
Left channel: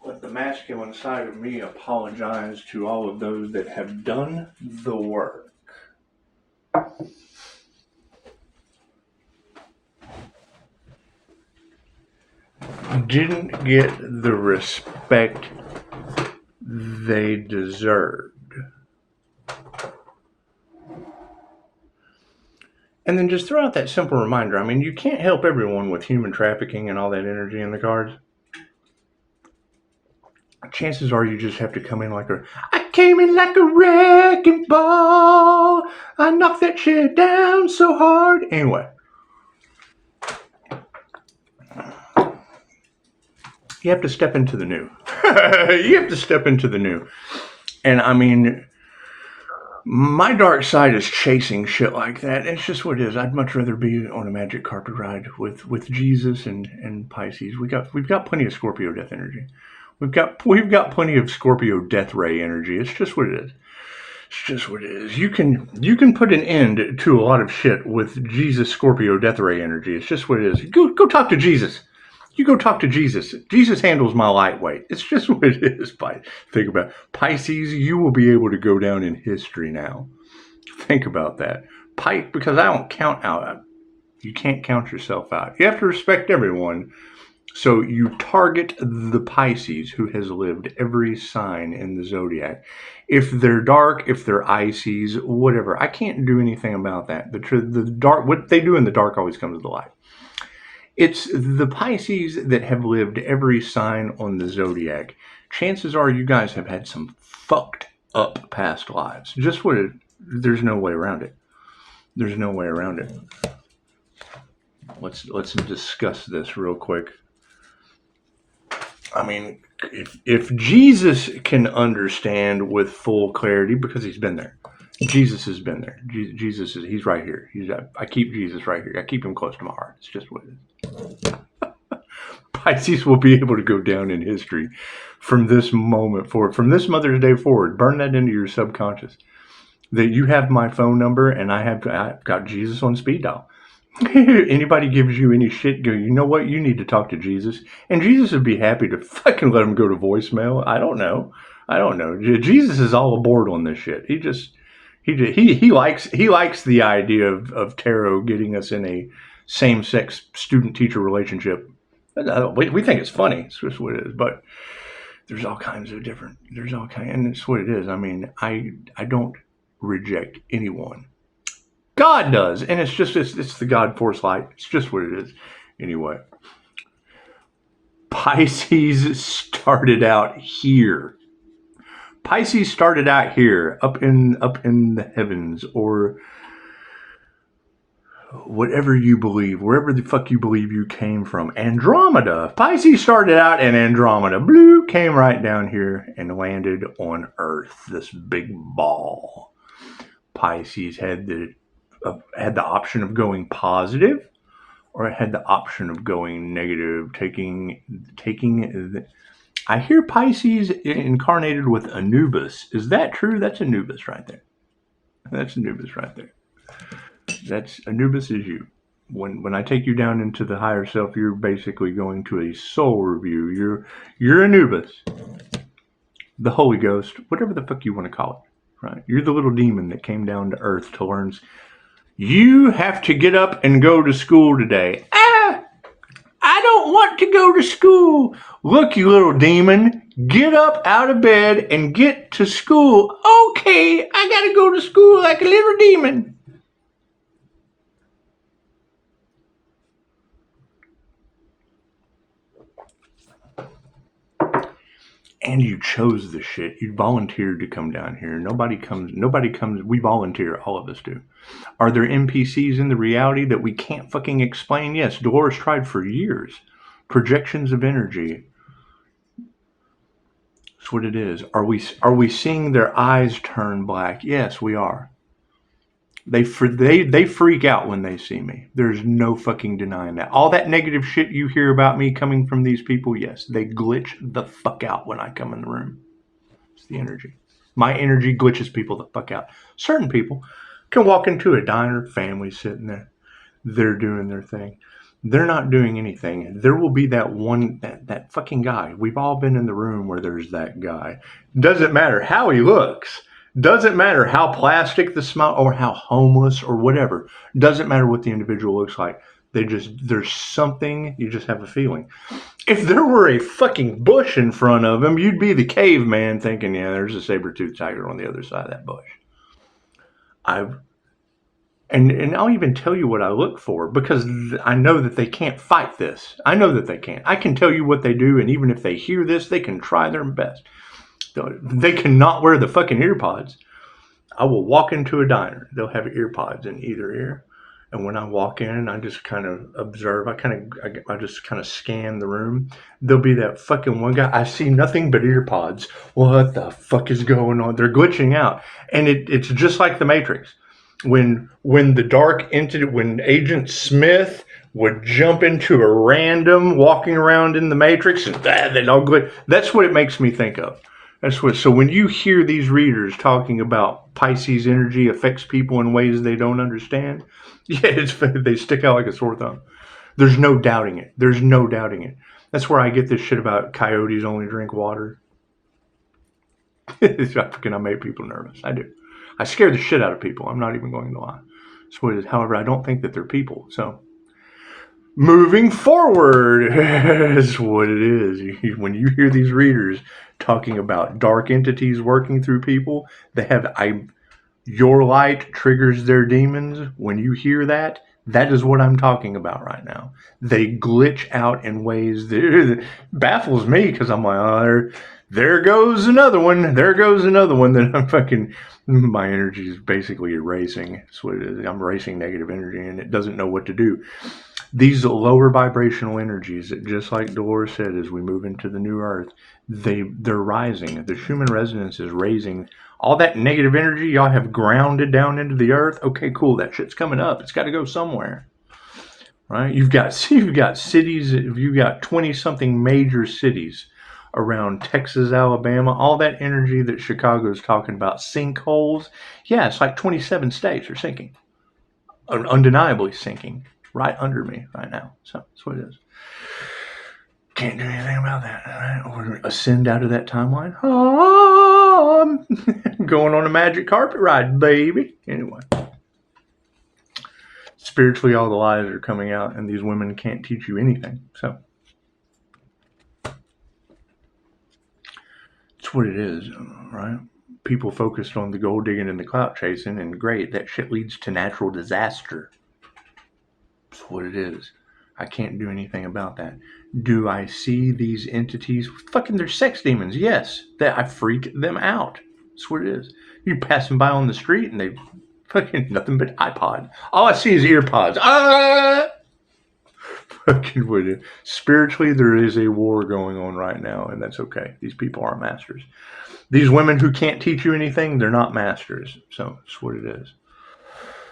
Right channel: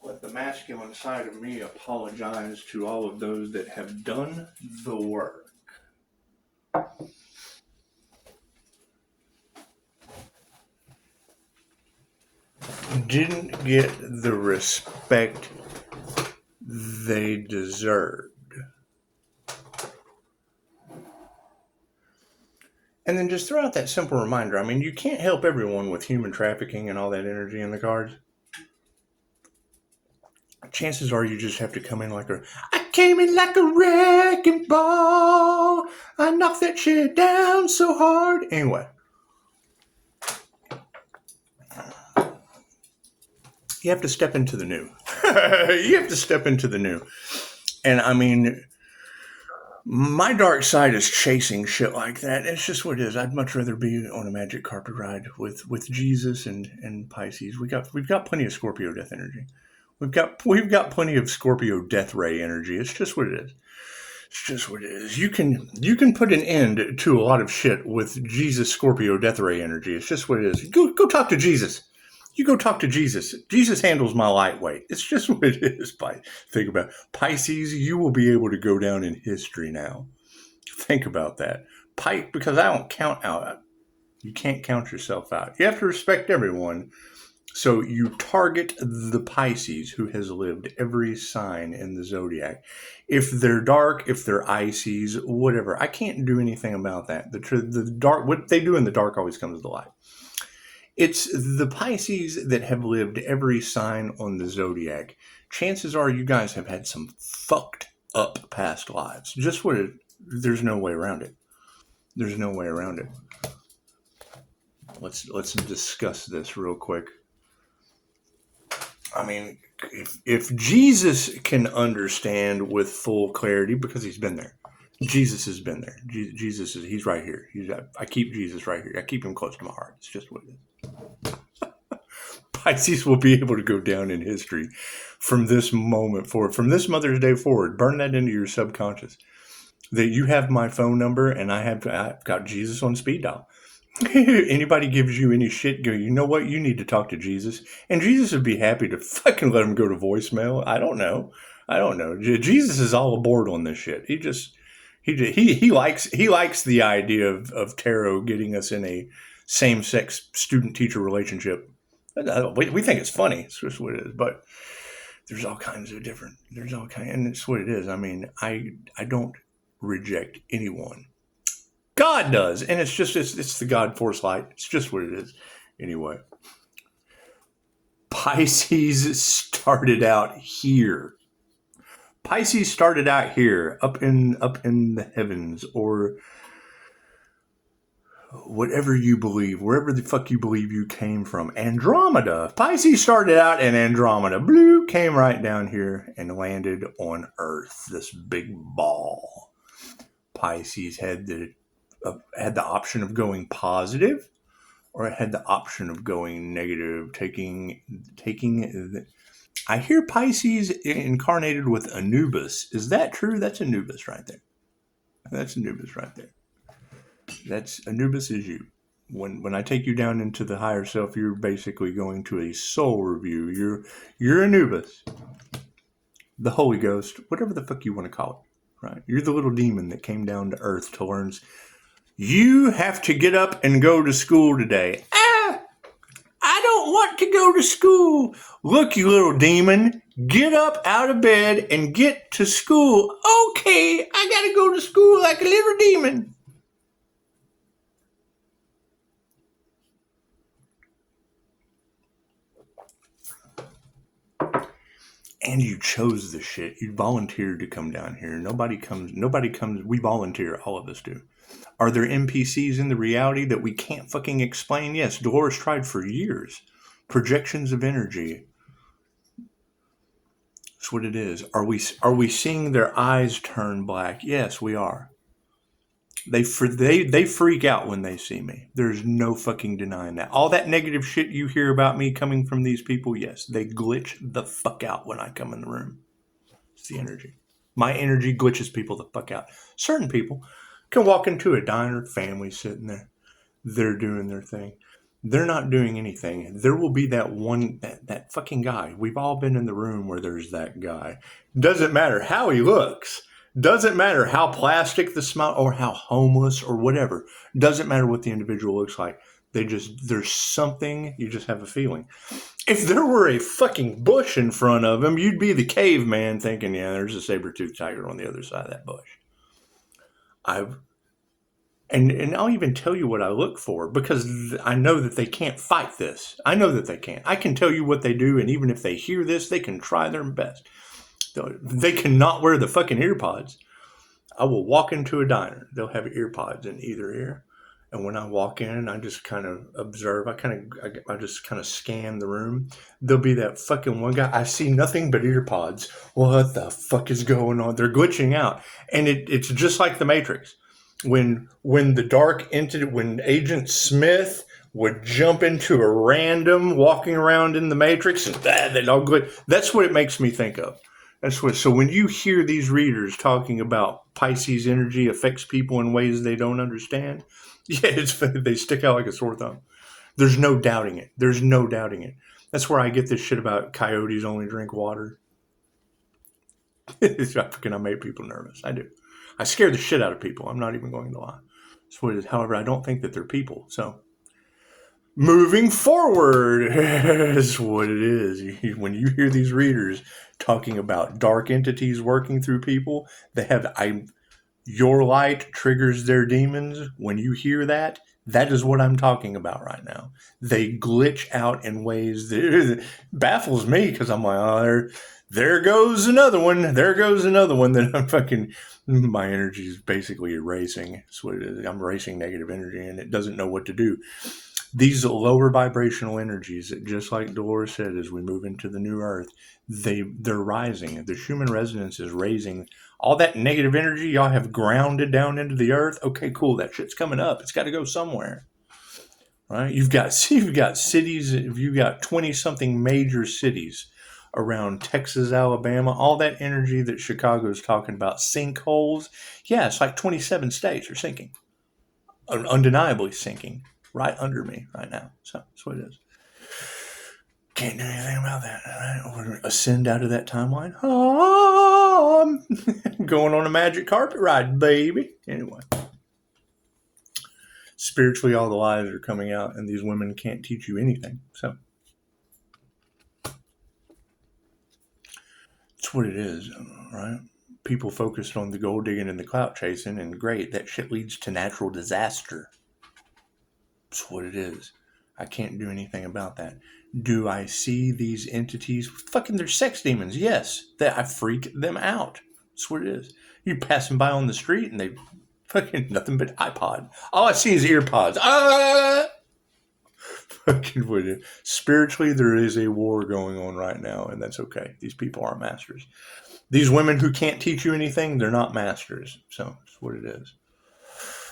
Let the masculine side of me apologize to all of those that have done the work. Didn't get the respect they deserved. And then just throw out that simple reminder. I mean, you can't help everyone with human trafficking and all that energy in the cards. Chances are you just have to come in I came in like a wrecking ball. I knocked that shit down so hard. Anyway. You have to step into the new. And I mean, my dark side is chasing shit like that. It's just what it is. I'd much rather be on a magic carpet ride with Jesus and Pisces. We've got plenty of Scorpio death energy. We've got plenty of Scorpio death ray energy. It's just what it is. You can put an end to a lot of shit with Jesus Scorpio death ray energy. It's just what it is. Go talk to Jesus. You go talk to Jesus. Jesus handles my lightweight. It's just what it is. Think about it. Pisces, you will be able to go down in history now. Think about that. Because I don't count out. You can't count yourself out. You have to respect everyone. So you target the Pisces who has lived every sign in the zodiac. If they're dark, if they're Ices, whatever, I can't do anything about that. The dark, what they do in the dark always comes to the light. It's the Pisces that have lived every sign on the zodiac. Chances are you guys have had some fucked up past lives. Just what it, there's no way around it. There's no way around it. Let's discuss this real quick. I mean, if Jesus can understand with full clarity, because he's been there. Jesus has been there. Jesus he's right here. I keep Jesus right here. I keep him close to my heart. It's just what it is. Pisces will be able to go down in history from this moment forward, from this Mother's Day forward. Burn that into your subconscious. That you have my phone number and I've got Jesus on speed dial. Anybody gives you any shit, go, you know what? You need to talk to Jesus. And Jesus would be happy to fucking let him go to voicemail. I don't know. Jesus is all aboard on this shit. He likes the idea of tarot getting us in a same-sex student-teacher relationship. We think it's funny. It's just what it is. But there's all kinds of different, and it's what it is. I mean, I don't reject anyone. God does, and it's the God force light. It's just what it is. Anyway, Pisces started out here. Pisces started out here, up in the heavens, or whatever you believe, wherever the fuck you believe you came from. Andromeda. Pisces started out in Andromeda. Blue came right down here and landed on Earth. This big ball. Pisces had the option of going positive, or it had the option of going negative, taking I hear Pisces incarnated with Anubis. Is that true? That's Anubis right there. That's Anubis is you. When I take you down into the higher self, you're basically going to a soul review. You're Anubis, the Holy Ghost, whatever the fuck you want to call it. Right? You're the little demon that came down to Earth to learn. You have to get up and go to school today. I don't want to go to school. Look, you little demon, get up out of bed and get to school. Okay, I gotta go to school like a little demon. And you chose the shit. You volunteered to come down here. Nobody comes. We volunteer. All of us do. Are there NPCs in the reality that we can't fucking explain? Yes. Dolores tried for years. Projections of energy. That's what it is. Are we seeing their eyes turn black? Yes, we are. They freak out when they see me. There's no fucking denying that. All that negative shit you hear about me coming from these people, yes, they glitch the fuck out when I come in the room. It's the energy. My energy glitches people the fuck out. Certain people can walk into a diner, family sitting there. They're doing their thing. They're not doing anything. There will be that fucking guy. We've all been in the room where there's that guy. Doesn't matter how he looks. Doesn't matter how plastic the smile or how homeless or whatever. Doesn't matter what the individual looks like. There's something, you just have a feeling. If there were a fucking bush in front of him, you'd be the caveman thinking, yeah, there's a saber-toothed tiger on the other side of that bush. And I'll even tell you what I look for, because I know that they can't fight this. I know that they can't. I can tell you what they do, and even if they hear this, they can try their best. They cannot wear the fucking ear pods. I will walk into a diner. They'll have ear pods in either ear. And when I walk in, I just kind of observe. I just kind of scan the room. There'll be that fucking one guy. I see nothing but ear pods. What the fuck is going on? They're glitching out. And it's just like the Matrix. When the dark entity, when Agent Smith would jump into a random walking around in the Matrix, and they'd all glitch. That's what it makes me think of. So when you hear these readers talking about Pisces energy affects people in ways they don't understand, yeah, they stick out like a sore thumb. There's no doubting it. That's where I get this shit about coyotes only drink water. I make people nervous. I do. I scare the shit out of people. I'm not even going to lie. That's what it is. However, I don't think that they're people. So moving forward is what it is. When you hear these readers talking about dark entities working through people, they have your light triggers their demons. When you hear that, that is what I'm talking about right now. They glitch out in ways that baffles me because I'm like, oh, there goes another one. There goes another one that I'm fucking, my energy is basically erasing. That's what it is. I'm erasing negative energy and it doesn't know what to do. These lower vibrational energies, just like Dolores said, as we move into the new earth, they're rising. The Schumann resonance is raising. All that negative energy y'all have grounded down into the earth. Okay, cool. That shit's coming up. It's got to go somewhere, right? You've got cities. You've got 20-something major cities around Texas, Alabama. All that energy that Chicago's talking about, sinkholes. Yeah, it's like 27 states are sinking, undeniably sinking. Right under me right now. So that's what it is. Can't do anything about that, right? Or ascend out of that timeline. Oh, I'm going on a magic carpet ride, baby. Anyway. Spiritually, all the lies are coming out, and these women can't teach you anything. So that's what it is, right? People focused on the gold digging and the clout chasing, and great, that shit leads to natural disaster. That's what it is. I can't do anything about that. Do I see these entities? Fucking, they're sex demons. Yes, that I freak them out. That's what it is. You pass them by on the street and they fucking nothing but iPod. All I see is earpods. Fucking with you. Spiritually, there is a war going on right now, and that's okay. These people aren't masters. These women who can't teach you anything, they're not masters. So that's what it is.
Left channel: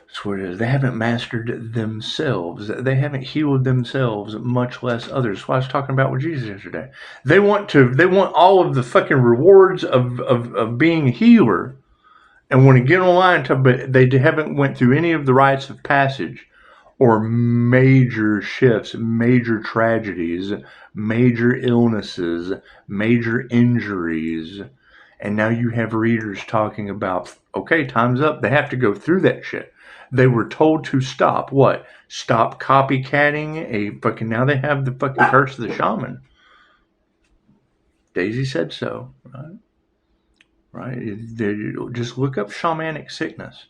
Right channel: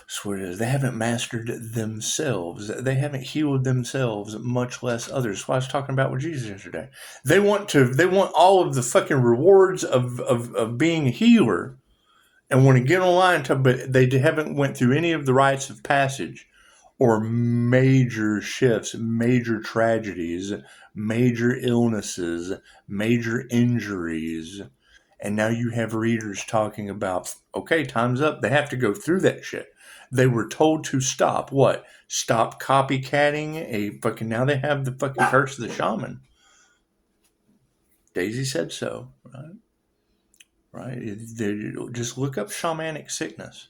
That's what it is. They haven't mastered themselves. They haven't healed themselves, much less others. That's what I was talking about with Jesus yesterday. They want all of the fucking rewards of being a healer and want to get online, but they haven't went through any of the rites of passage or major shifts, major tragedies, major illnesses, major injuries. And now you have readers talking about, okay, time's up. They have to go through that shit. They were told to stop what? Stop copycatting now they have the fucking curse of the shaman. Daisy said so, right? Right? Just look up shamanic sickness.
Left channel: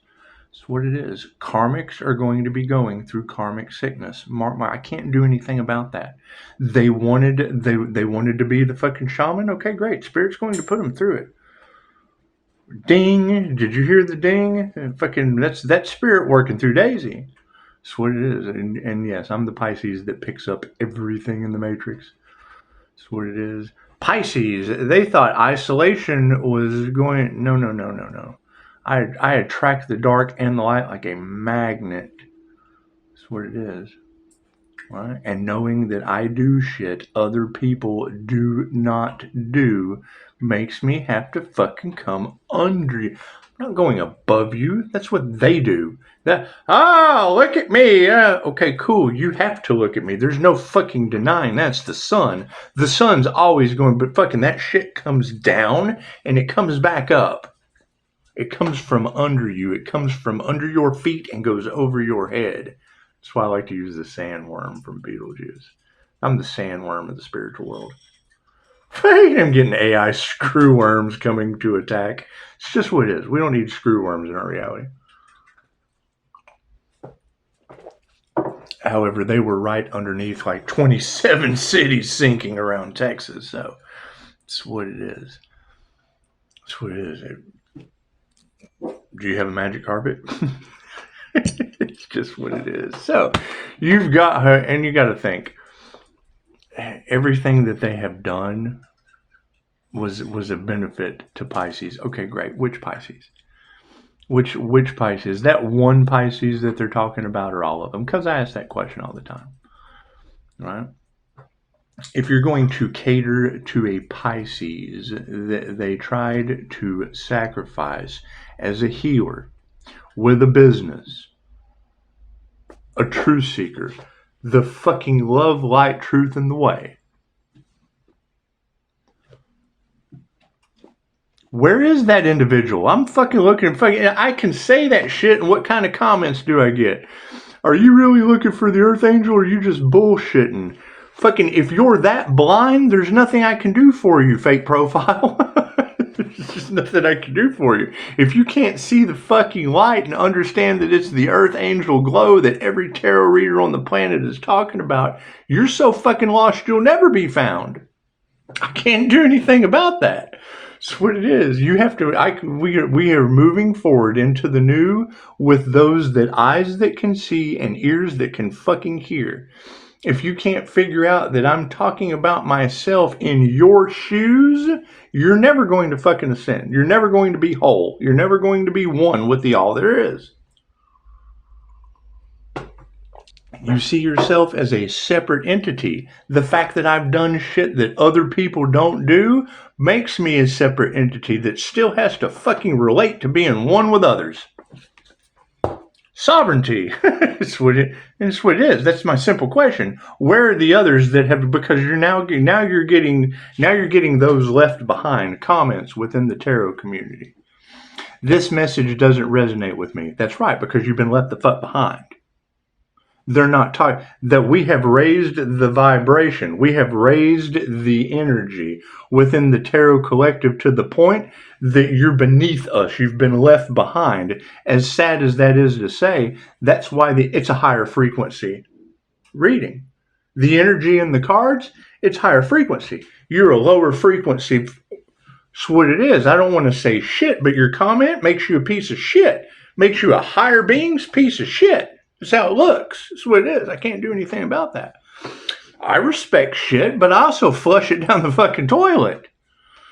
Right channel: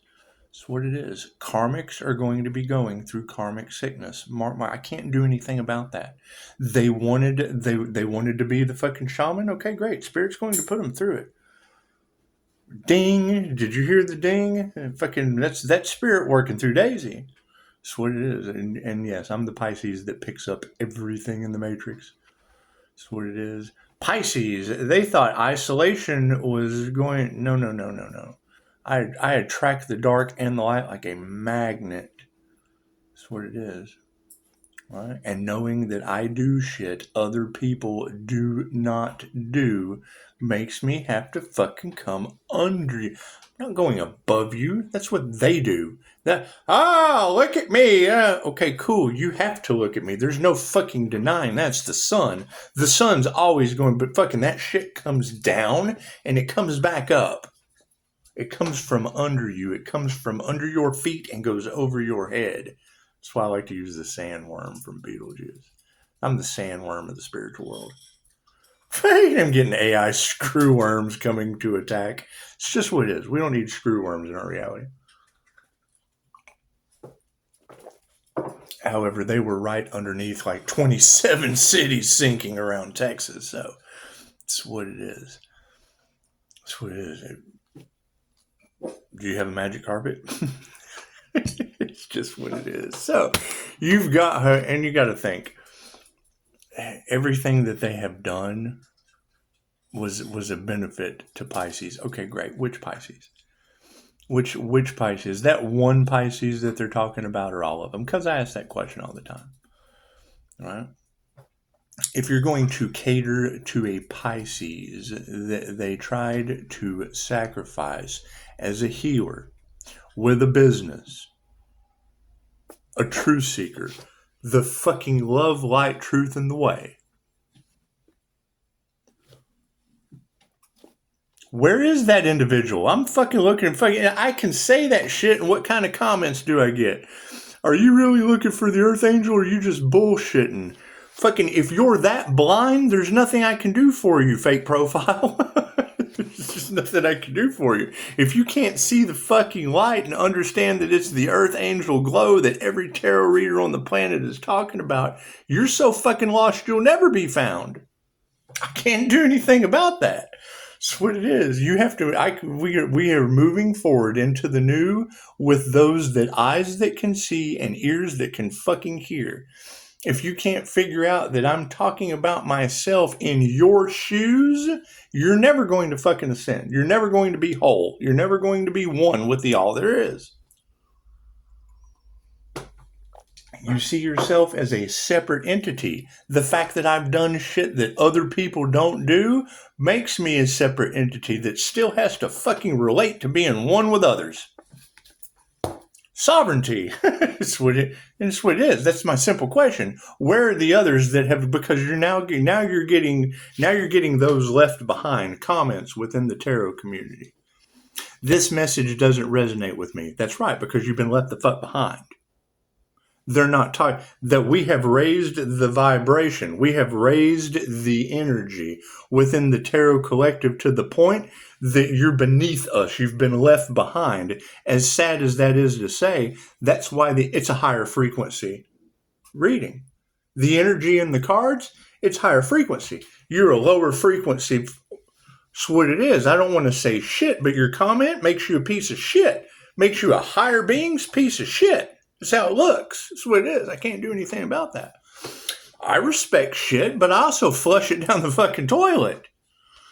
That's what it is. Karmics are going to be going through karmic sickness. I can't do anything about that. They wanted to be the fucking shaman. Okay, great. Spirit's going to put them through it. Ding! Did you hear the ding? Fucking, that's spirit working through Daisy. That's what it is. And yes, I'm the Pisces that picks up everything in the Matrix. That's what it is. Pisces, they thought isolation was going. No. I attract the dark and the light like a magnet. That's what it is. Right? And knowing that I do shit other people do not do makes me have to fucking come under you. I'm not going above you. That's what they do. Look at me. Okay, cool. You have to look at me. There's no fucking denying that's the sun. The sun's always going, but fucking that shit comes down and it comes back up. It comes from under you. It comes from under your feet and goes over your head. That's why I like to use the sandworm from Beetlejuice. I'm the sandworm of the spiritual world. I'm getting AI screwworms coming to attack. It's just what it is. We don't need screwworms in our reality. However, they were right underneath like 27 cities sinking around Texas. So that's what it is. That's what it is. Do you have a magic carpet? It's just what it is. So you've got her, and you got to think everything that they have done was a benefit to Pisces. Okay, great. Which Pisces? Which Pisces? That one Pisces that they're talking about, or all of them? Because I ask that question all the time. Right? If you're going to cater to a Pisces, they tried to sacrifice as a healer with a business, a truth seeker, the fucking love, light, truth, and the way. Where is that individual? I'm fucking looking. I can say that shit, and what kind of comments do I get? Are you really looking for the Earth Angel, or are you just bullshitting? Fucking, if you're that blind, there's nothing I can do for you, fake profile. There's just nothing I can do for you. If you can't see the fucking light and understand that it's the Earth Angel glow that every tarot reader on the planet is talking about, you're so fucking lost you'll never be found. I can't do anything about that. It's what it is. You have to. We are moving forward into the new with those that eyes that can see and ears that can fucking hear. If you can't figure out that I'm talking about myself in your shoes, you're never going to fucking ascend. You're never going to be whole. You're never going to be one with the all there is. You see yourself as a separate entity. The fact that I've done shit that other people don't do makes me a separate entity that still has to fucking relate to being one with others. Sovereignty. It's what it is. That's my simple question. Where are the others that have, because you're getting those left behind comments within the tarot community. This message doesn't resonate with me. That's right, because you've been left the fuck behind. They're not talking that we have raised the vibration. We have raised the energy within the tarot collective to the point that you're beneath us. You've been left behind. As sad as that is to say, that's why it's a higher frequency reading. The energy in the cards, it's higher frequency. You're a lower frequency. That's what it is. I don't want to say shit, but your comment makes you a piece of shit. Makes you a higher being's piece of shit. That's how it looks. That's what it is. I can't do anything about that. I respect shit, but I also flush it down the fucking toilet.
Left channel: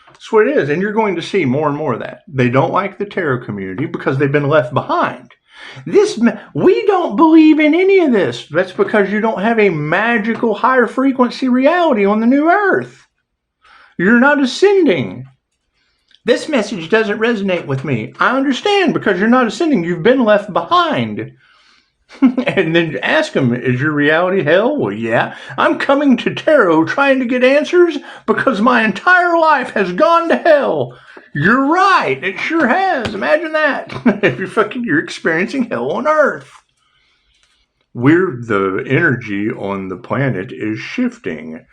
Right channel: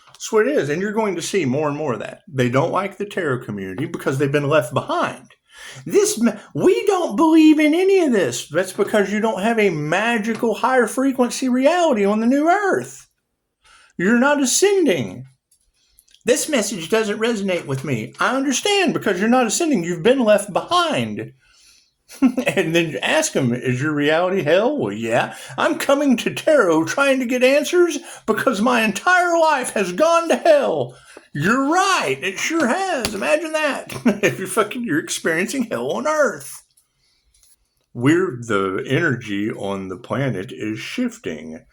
That's what it is. And you're going to see more and more of that. They don't like the tarot community because they've been left behind. We don't believe in any of this. That's because you don't have a magical higher frequency reality on the new earth. You're not ascending. This message doesn't resonate with me. I understand, because you're not ascending. You've been left behind. And then ask them, is your reality hell? Well, yeah. I'm coming to tarot trying to get answers because my entire life has gone to hell. You're right. It sure has. Imagine that. If you're experiencing hell on earth. The energy on the planet is shifting.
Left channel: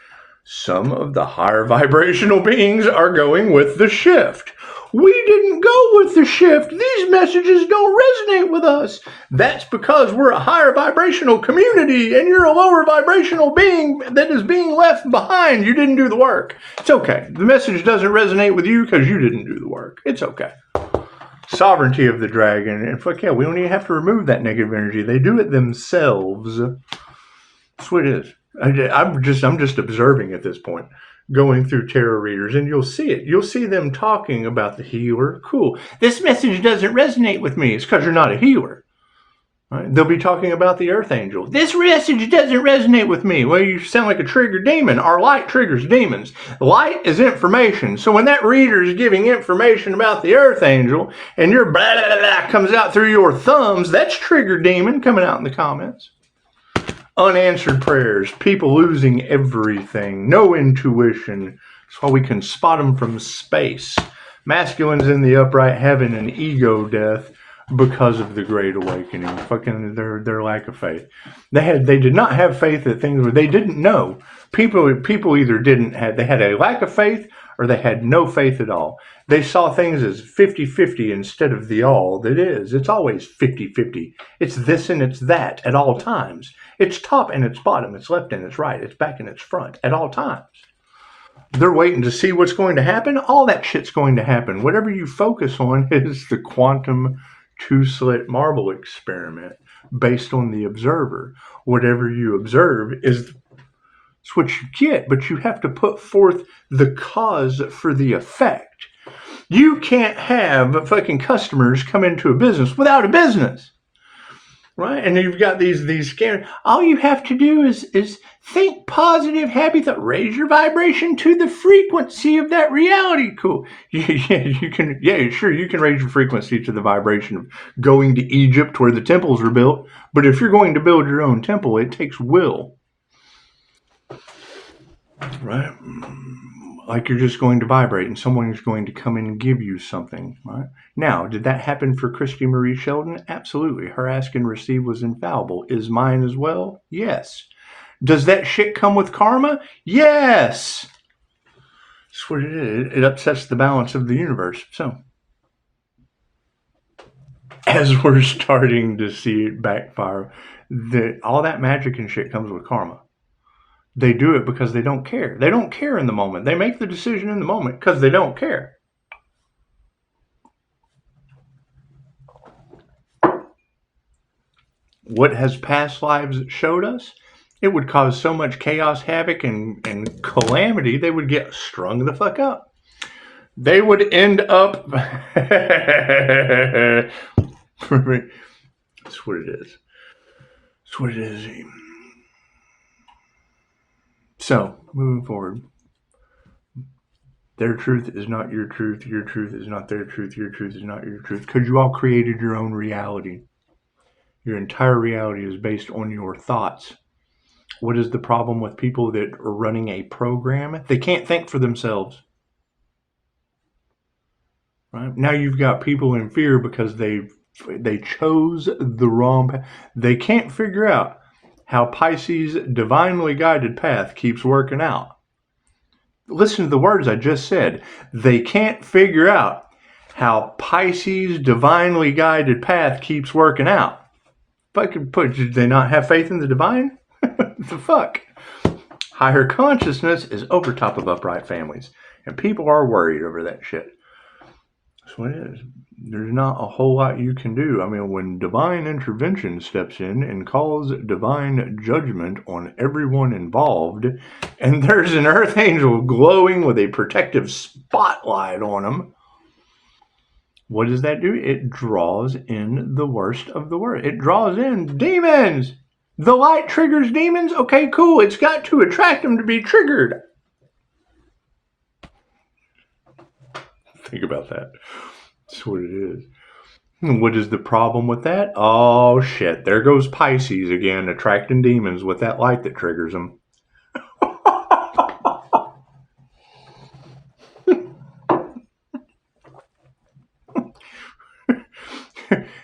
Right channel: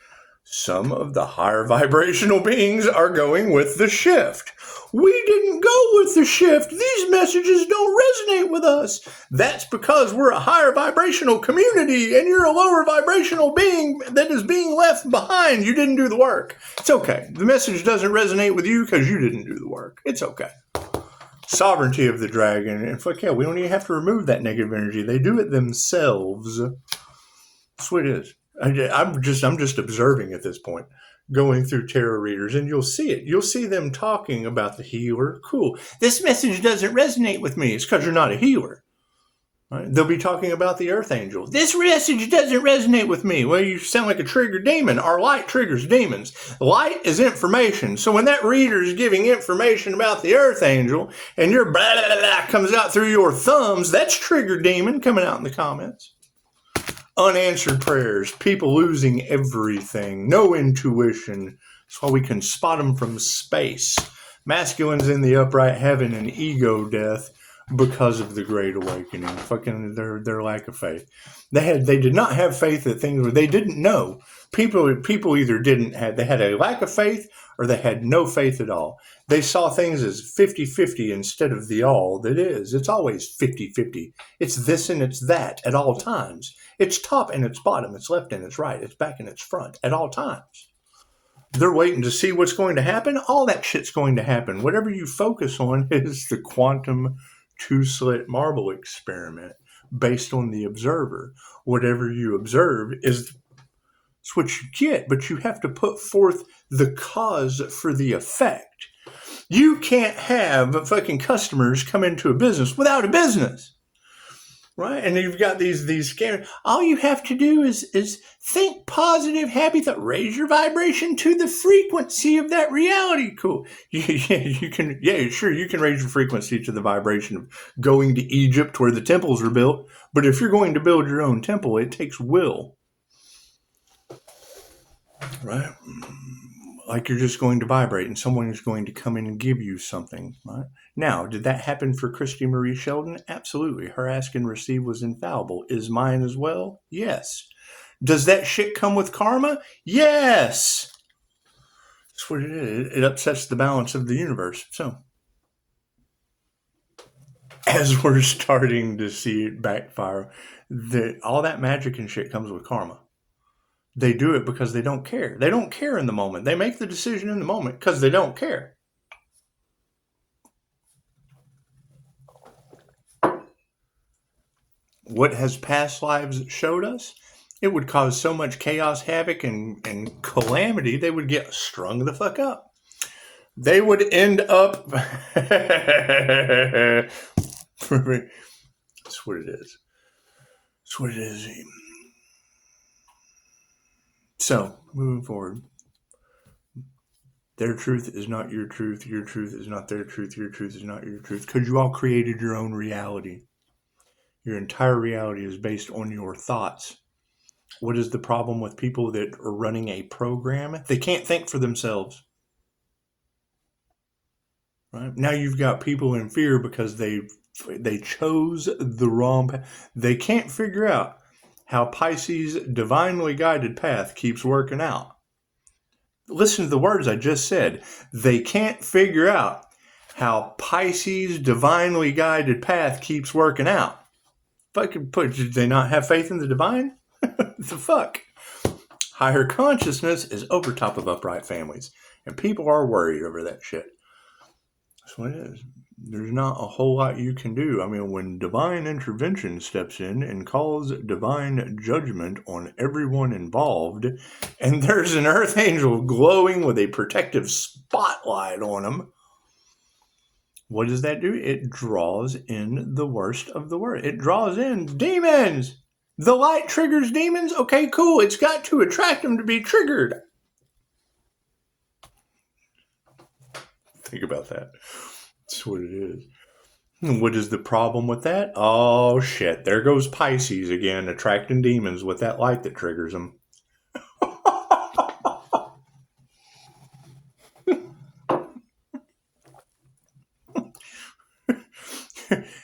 Some of the higher vibrational beings are going with the shift. We didn't go with the shift. These messages don't resonate with us. That's because we're a higher vibrational community and you're a lower vibrational being that is being left behind. You didn't do the work. It's okay. The message doesn't resonate with you because you didn't do the work. It's okay. Sovereignty of the dragon. And fuck yeah, we don't even have to remove that negative energy. They do it themselves. That's what it is. I'm just observing at this point, going through tarot readers, and you'll see it. You'll see them talking about the healer. Cool. This message doesn't resonate with me. It's because you're not a healer. Right? They'll be talking about the Earth Angel. This message doesn't resonate with me. Well, you sound like a triggered demon. Our light triggers demons. Light is information. So when that reader is giving information about the Earth Angel, and your blah, blah, blah comes out through your thumbs, that's triggered demon coming out in the comments. Unanswered prayers, people losing everything, no intuition. That's why we can spot them from space. Masculines in the upright heaven and ego death because of the Great Awakening. Fucking their lack of faith. They did not have faith that things were. They didn't know. People either they had a lack of faith or they had no faith at all. They saw things as 50-50 instead of the all that is. It's always 50-50. It's this and it's that at all times. It's top and it's bottom. It's left and it's right. It's back and it's front at all times. They're waiting to see what's going to happen. All that shit's going to happen. Whatever you focus on is the quantum two-slit marble experiment based on the observer. Whatever you observe is what you get, but you have to put forth the cause for the effect. You can't have fucking customers come into a business without a business. Right? And you've got these scammers. All you have to do is think positive, happy thought. Raise your vibration to the frequency of that reality. Cool. You can raise your frequency to the vibration of going to Egypt where the temples were built. But if you're going to build your own temple, it takes will. Right? like you're just going to vibrate and someone is going to come in and give you something, right? Now, did that happen for Christy Marie Sheldon? Absolutely. Her ask and receive was infallible. Is mine as well? Yes. Does that shit come with karma? Yes. That's what it is. It upsets the balance of the universe. So, as we're starting to see it backfire, all that magic and shit comes with karma. They do it because they don't care. They don't care in the moment. They make the decision in the moment because they don't care. What has past lives showed us? It would cause so much chaos, havoc, and calamity, they would get strung the fuck up. They would end up... That's what it is. That's what it is. So, moving forward. Their truth is not your truth. Your truth is not their truth. Your truth is not your truth. Because you all created your own reality. Your entire reality is based on your thoughts. What is the problem with people that are running a program? They can't think for themselves. Right? Now you've got people in fear because they chose the wrong path. They can't figure out how Pisces' divinely guided path keeps working out. Listen to the words I just said. They can't figure out how Pisces' divinely guided path keeps working out. Did they not have faith in the divine? The fuck? Higher consciousness is over top of upright families. And people are worried over that shit. That's what it is. There's not a whole lot you can do. I mean, when divine intervention steps in and calls divine judgment on everyone involved, and there's an earth angel glowing with a protective spotlight on them, what does that do? It draws in the worst of the worst. It draws in demons. The light triggers demons? Okay, cool. It's got to attract them to be triggered. Think about that. That's what it is. What is the problem with that? Oh, shit. There goes Pisces again, attracting demons with that light that triggers them.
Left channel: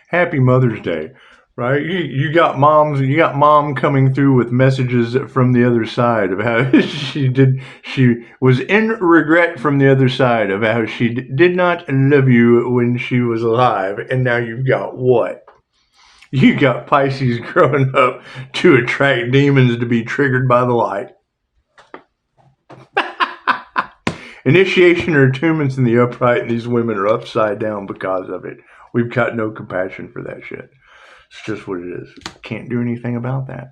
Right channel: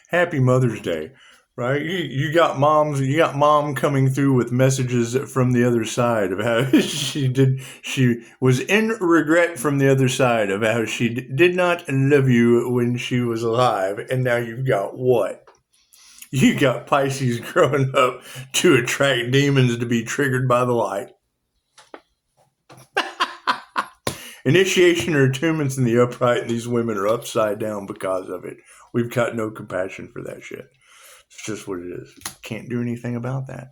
Happy Mother's Day, right? You got mom coming through with messages from the other side of how she was in regret from the other side of how she did not love you when she was alive. And now you've got what? You got Pisces growing up to attract demons to be triggered by the light. Initiation or attunements in the upright, and these women are upside down because of it. We've got no compassion for that shit. It's just what it is. Can't do anything about that.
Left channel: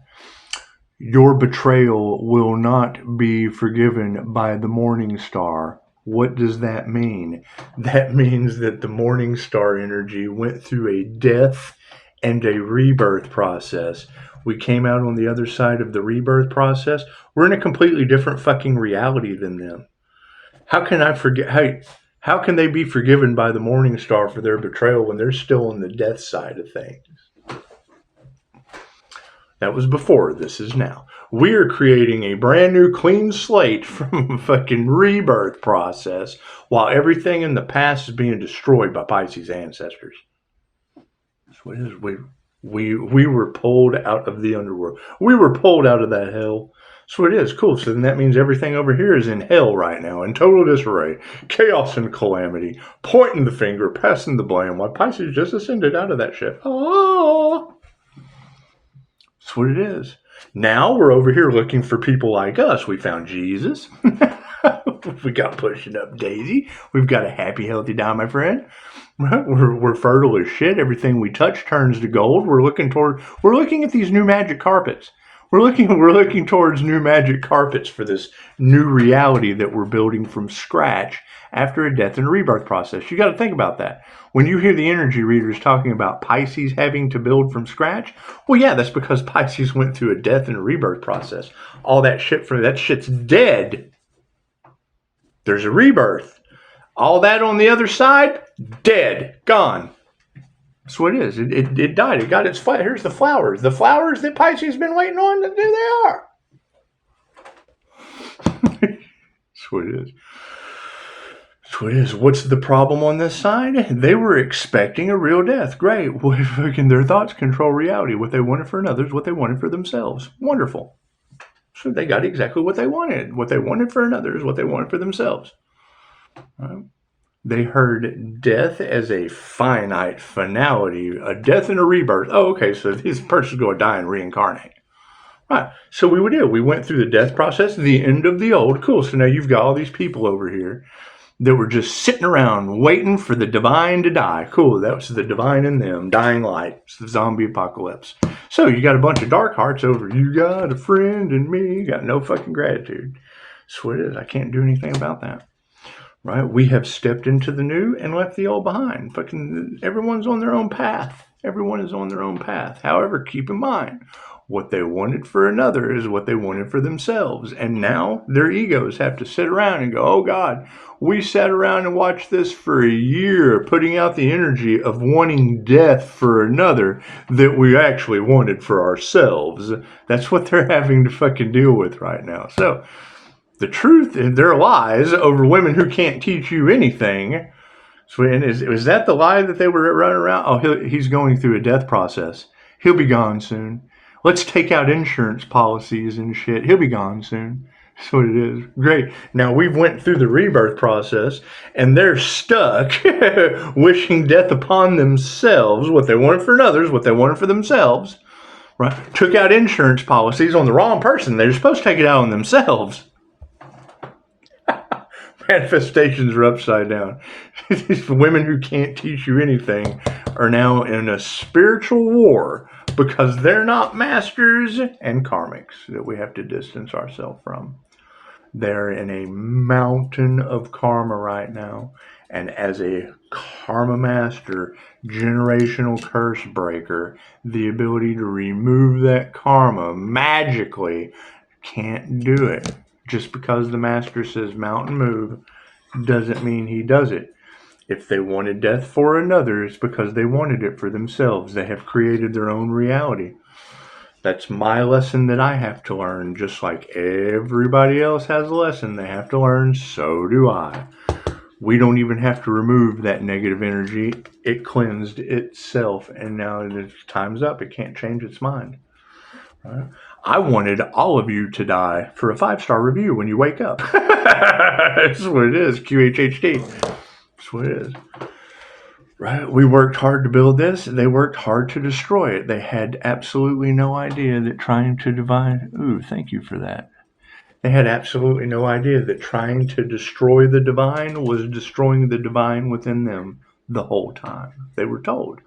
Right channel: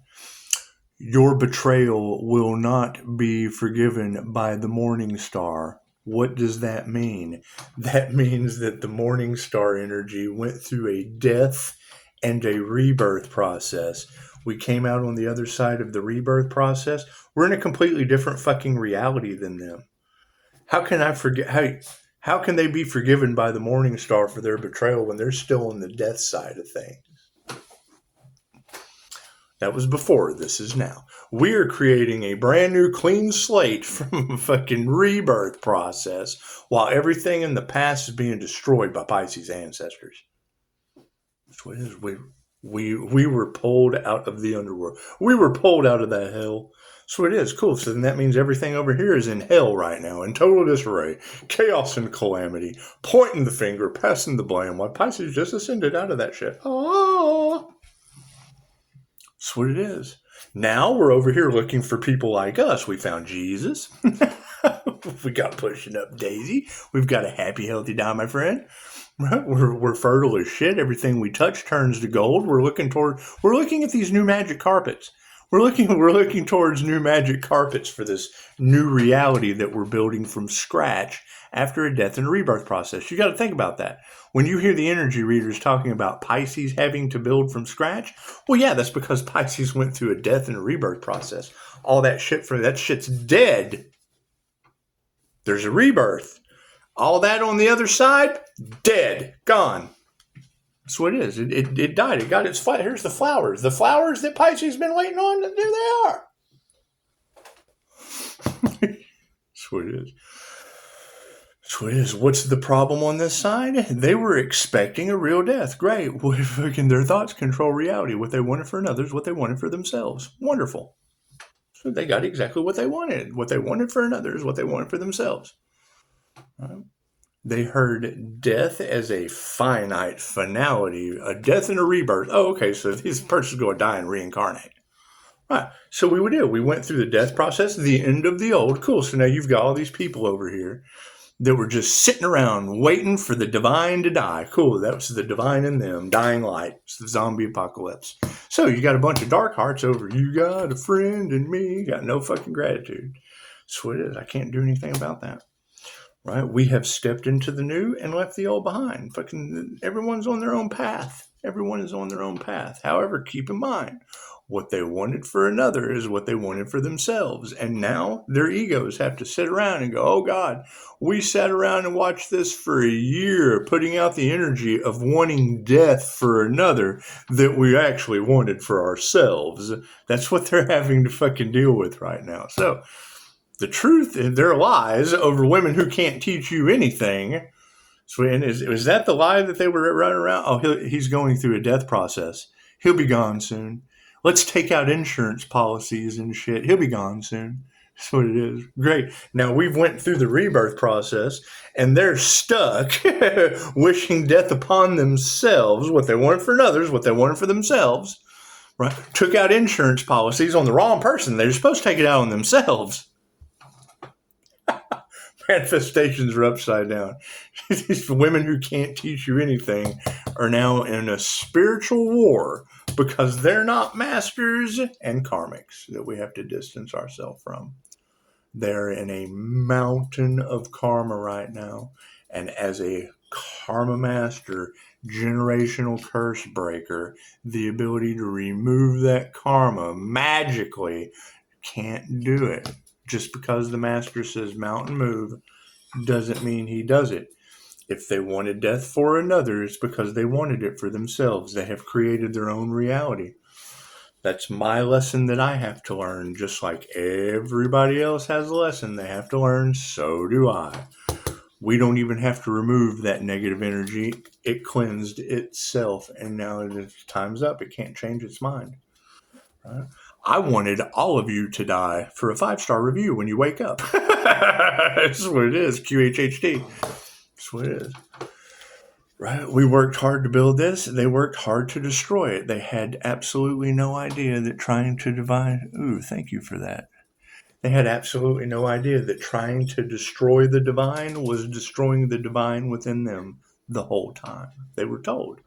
Your betrayal will not be forgiven by the morning star. What does that mean? That means that the morning star energy went through a death and a rebirth process. We came out on the other side of the rebirth process. We're in a completely different fucking reality than them. How can I forget? How can they be forgiven by the morning star for their betrayal when they're still on the death side of things? That was before. This is now. We're creating a brand new clean slate from a fucking rebirth process while everything in the past is being destroyed by Pisces ancestors. That's what it is. We were pulled out of the underworld. We were pulled out of that hell. So it is. Cool. So then that means everything over here is in hell right now, in total disarray, chaos and calamity, pointing the finger, passing the blame, while Pisces just ascended out of that shit. Oh, that's what it is. Now we're over here looking for people like us. We found Jesus. We got pushing up Daisy. We've got a happy, healthy die, my friend. Right? We're fertile as shit. Everything we touch turns to gold. We're looking at these new magic carpets. We're looking towards new magic carpets for this new reality that we're building from scratch after a death and rebirth process. You got to think about that. When you hear the energy readers talking about Pisces having to build from scratch, well, yeah, that's because Pisces went through a death and a rebirth process. All that shit's dead. There's a rebirth. All that on the other side, dead, gone. That's what it is. It died. It got its fire. Here's the flowers. The flowers that Pisces has been waiting on, there they are. That's what it is. So it is. What's the problem on this side? They were expecting a real death. Great. What if fucking their thoughts control reality? What they wanted for others, what they wanted for themselves. Wonderful. So they got exactly what they wanted. What they wanted for others, what they wanted for themselves. Right? They heard death as a finite finality, a death and a rebirth. Oh, okay, so this person's going to die and reincarnate. Right. So we would do. We went through the death process, the end of the old. Cool. So now you've got all these people over here that were just sitting around waiting for the divine to die. Cool. That was the divine in them, dying light. It's the zombie apocalypse. So you got a bunch of dark hearts over. You got a friend in me. You got no fucking gratitude. That's what it is. I can't do anything about that. Right? We have stepped into the new and left the old behind. Fucking everyone's on their own path. Everyone is on their own path. However, keep in mind, what they wanted for another is what they wanted for themselves. And now their egos have to sit around and go, oh God, we sat around and watched this for a year, putting out the energy of wanting death for another that we actually wanted for ourselves. That's what they're having to fucking deal with right now. So the truth is their lies over women who can't teach you anything. So, and is that the lie that they were running around? Oh, he's going through a death process. He'll be gone soon. Let's take out insurance policies and shit. He'll be gone soon. That's what it is. Great. Now we've went through the rebirth process and they're stuck wishing death upon themselves, what they wanted for others, what they wanted for themselves. Right? Took out insurance policies on the wrong person. They're supposed to take it out on themselves. Manifestations are upside down. These women who can't teach you anything are now in a spiritual war because they're not masters and karmics that we have to distance ourselves from. They're in a mountain of karma right now. And as a karma master, generational curse breaker, the ability to remove that karma magically can't do it. Just because the master says mountain move doesn't mean he does it. If they wanted death for another, it's because they wanted it for themselves. They have created their own reality. That's my lesson that I have to learn. Just like everybody else has a lesson they have to learn, so do I. We don't even have to remove that negative energy. It cleansed itself, and now time's up. It can't change its mind. Right? I wanted all of you to die for a 5-star review when you wake up. That's what it is. QHHD. That's what it is. Right? We worked hard to build this. They worked hard to destroy it. They had absolutely no idea that trying to divide... Ooh, thank you for that. They had absolutely no idea that trying to destroy the divine was destroying the divine within them the whole time. They were told.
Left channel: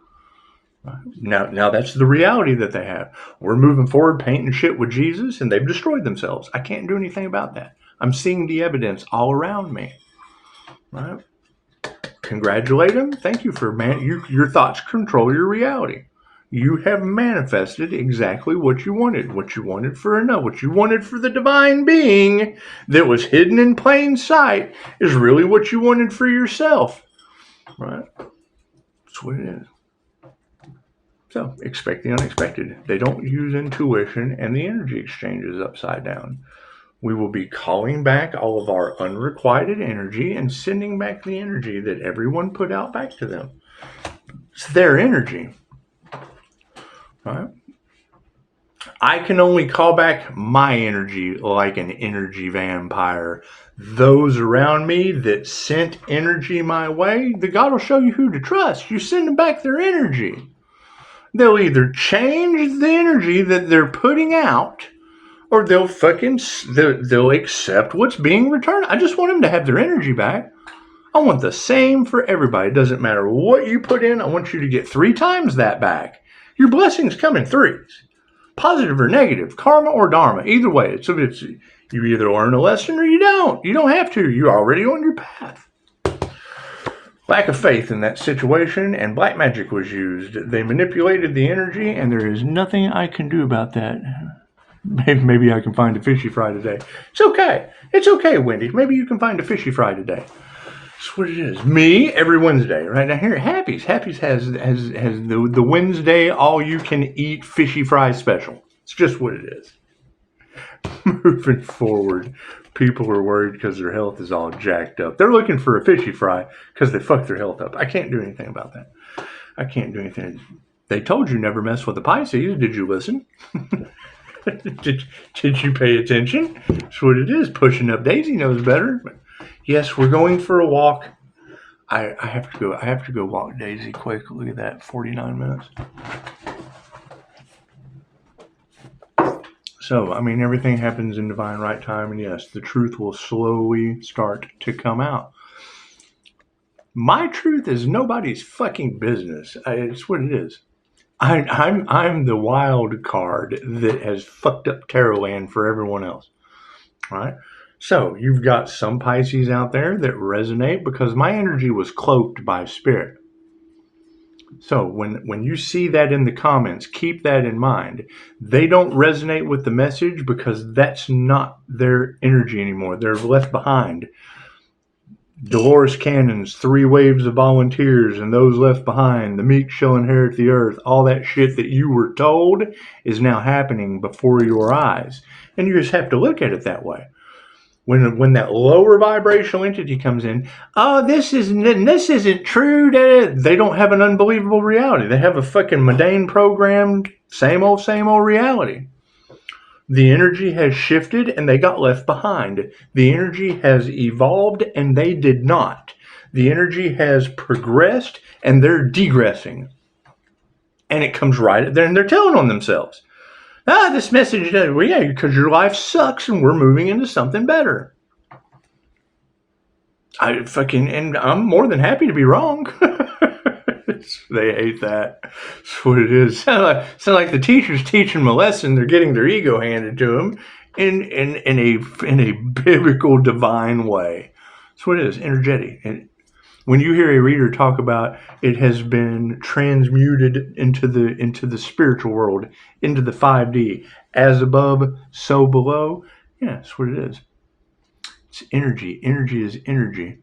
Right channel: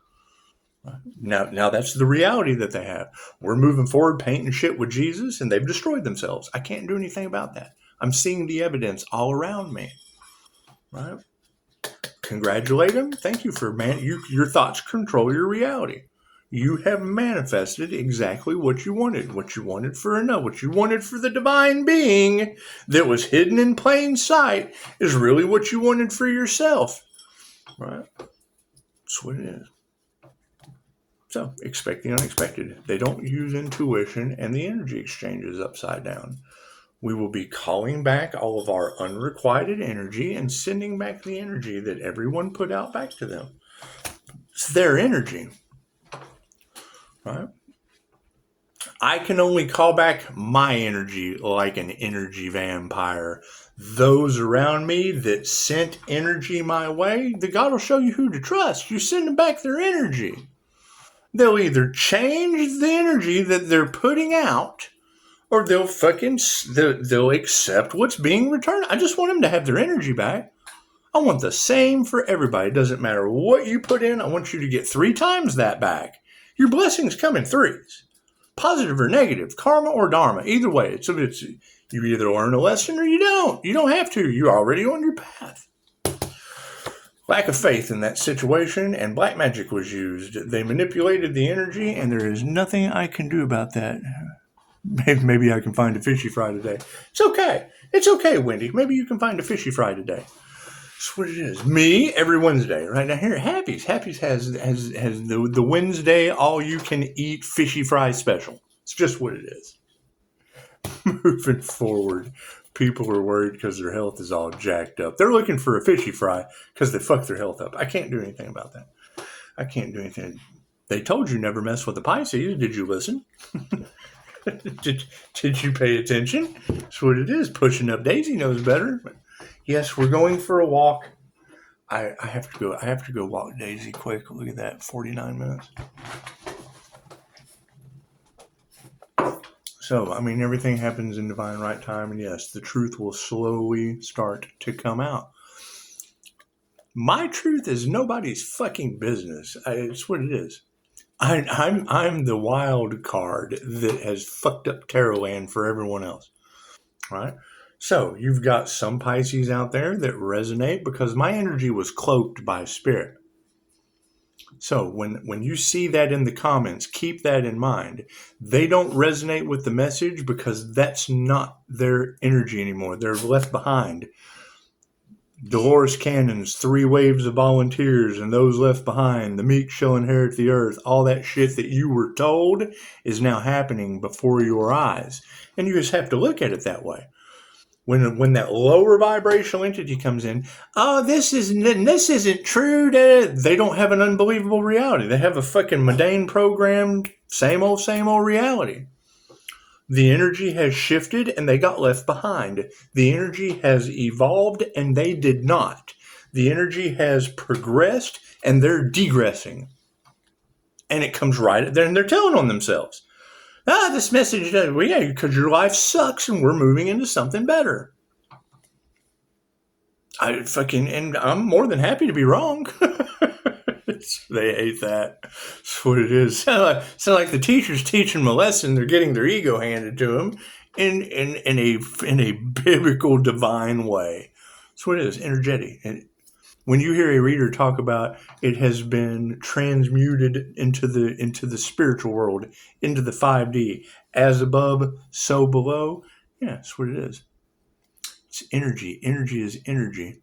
Now that's the reality that they have. We're moving forward, painting shit with Jesus, and they've destroyed themselves. I can't do anything about that. I'm seeing the evidence all around me. Right? Congratulate them. Thank you for your thoughts control your reality. You have manifested exactly what you wanted for another, what you wanted for the divine being that was hidden in plain sight is really what you wanted for yourself. Right? That's what it is. So, expect the unexpected. They don't use intuition, and the energy exchange is upside down. We will be calling back all of our unrequited energy and sending back the energy that everyone put out back to them. It's their energy. Right? I can only call back my energy like an energy vampire. Those around me that sent energy my way, the God will show you who to trust. You send them back their energy. They'll either change the energy that they're putting out, or they'll accept what's being returned. I just want them to have their energy back. I want the same for everybody. It doesn't matter what you put in. I want you to get 3 times that back. Your blessings come in 3s. Positive or negative, karma or dharma. Either way, it's you either learn a lesson or you don't. You don't have to. You're already on your path. Lack of faith in that situation, and black magic was used. They manipulated the energy, and there is nothing I can do about that. Maybe I can find a fishy fry today. It's okay. It's okay, Wendy. Maybe you can find a fishy fry today. That's what it is. Me, every Wednesday. Right now here at Happy's. Happy's has the Wednesday all-you-can-eat fishy fry special. It's just what it is. Moving forward. People are worried because their health is all jacked up. They're looking for a fishy fry because they fucked their health up. I can't do anything about that. I can't do anything. They told you never mess with the Pisces. Did you listen? did you pay attention? That's what it is. Pushing up Daisy knows better. Yes, we're going for a walk. I have to go. I have to go walk Daisy quick. Look at that, 49 minutes. So, I mean, everything happens in divine right time, and yes, the truth will slowly start to come out. My truth is nobody's fucking business. It's what it is. I'm the wild card that has fucked up Tarotland for everyone else, right? So you've got some Pisces out there that resonate because my energy was cloaked by spirit. So when you see that in the comments, keep that in mind. They don't resonate with the message because that's not their energy anymore. They're left behind. Dolores Cannon's 3 waves of volunteers and those left behind, the meek shall inherit the earth, all that shit that you were told is now happening before your eyes. And you just have to look at it that way. When that lower vibrational entity comes in, oh, this isn't true. They don't have an unbelievable reality. They have a fucking mundane programmed, same old reality. The energy has shifted and they got left behind. The energy has evolved and they did not. The energy has progressed and they're degressing. And it comes right there and they're telling on themselves. This message, well, yeah, because your life sucks and we're moving into something better. And I'm more than happy to be wrong. They hate that. That's what it is. Sound like the teacher's teaching them a lesson. They're getting their ego handed to them in a biblical, divine way. That's what it is. Energetic. And when you hear a reader talk about it has been transmuted into the spiritual world, into the 5D, as above, so below, yeah, that's what it is. It's energy. Energy is energy,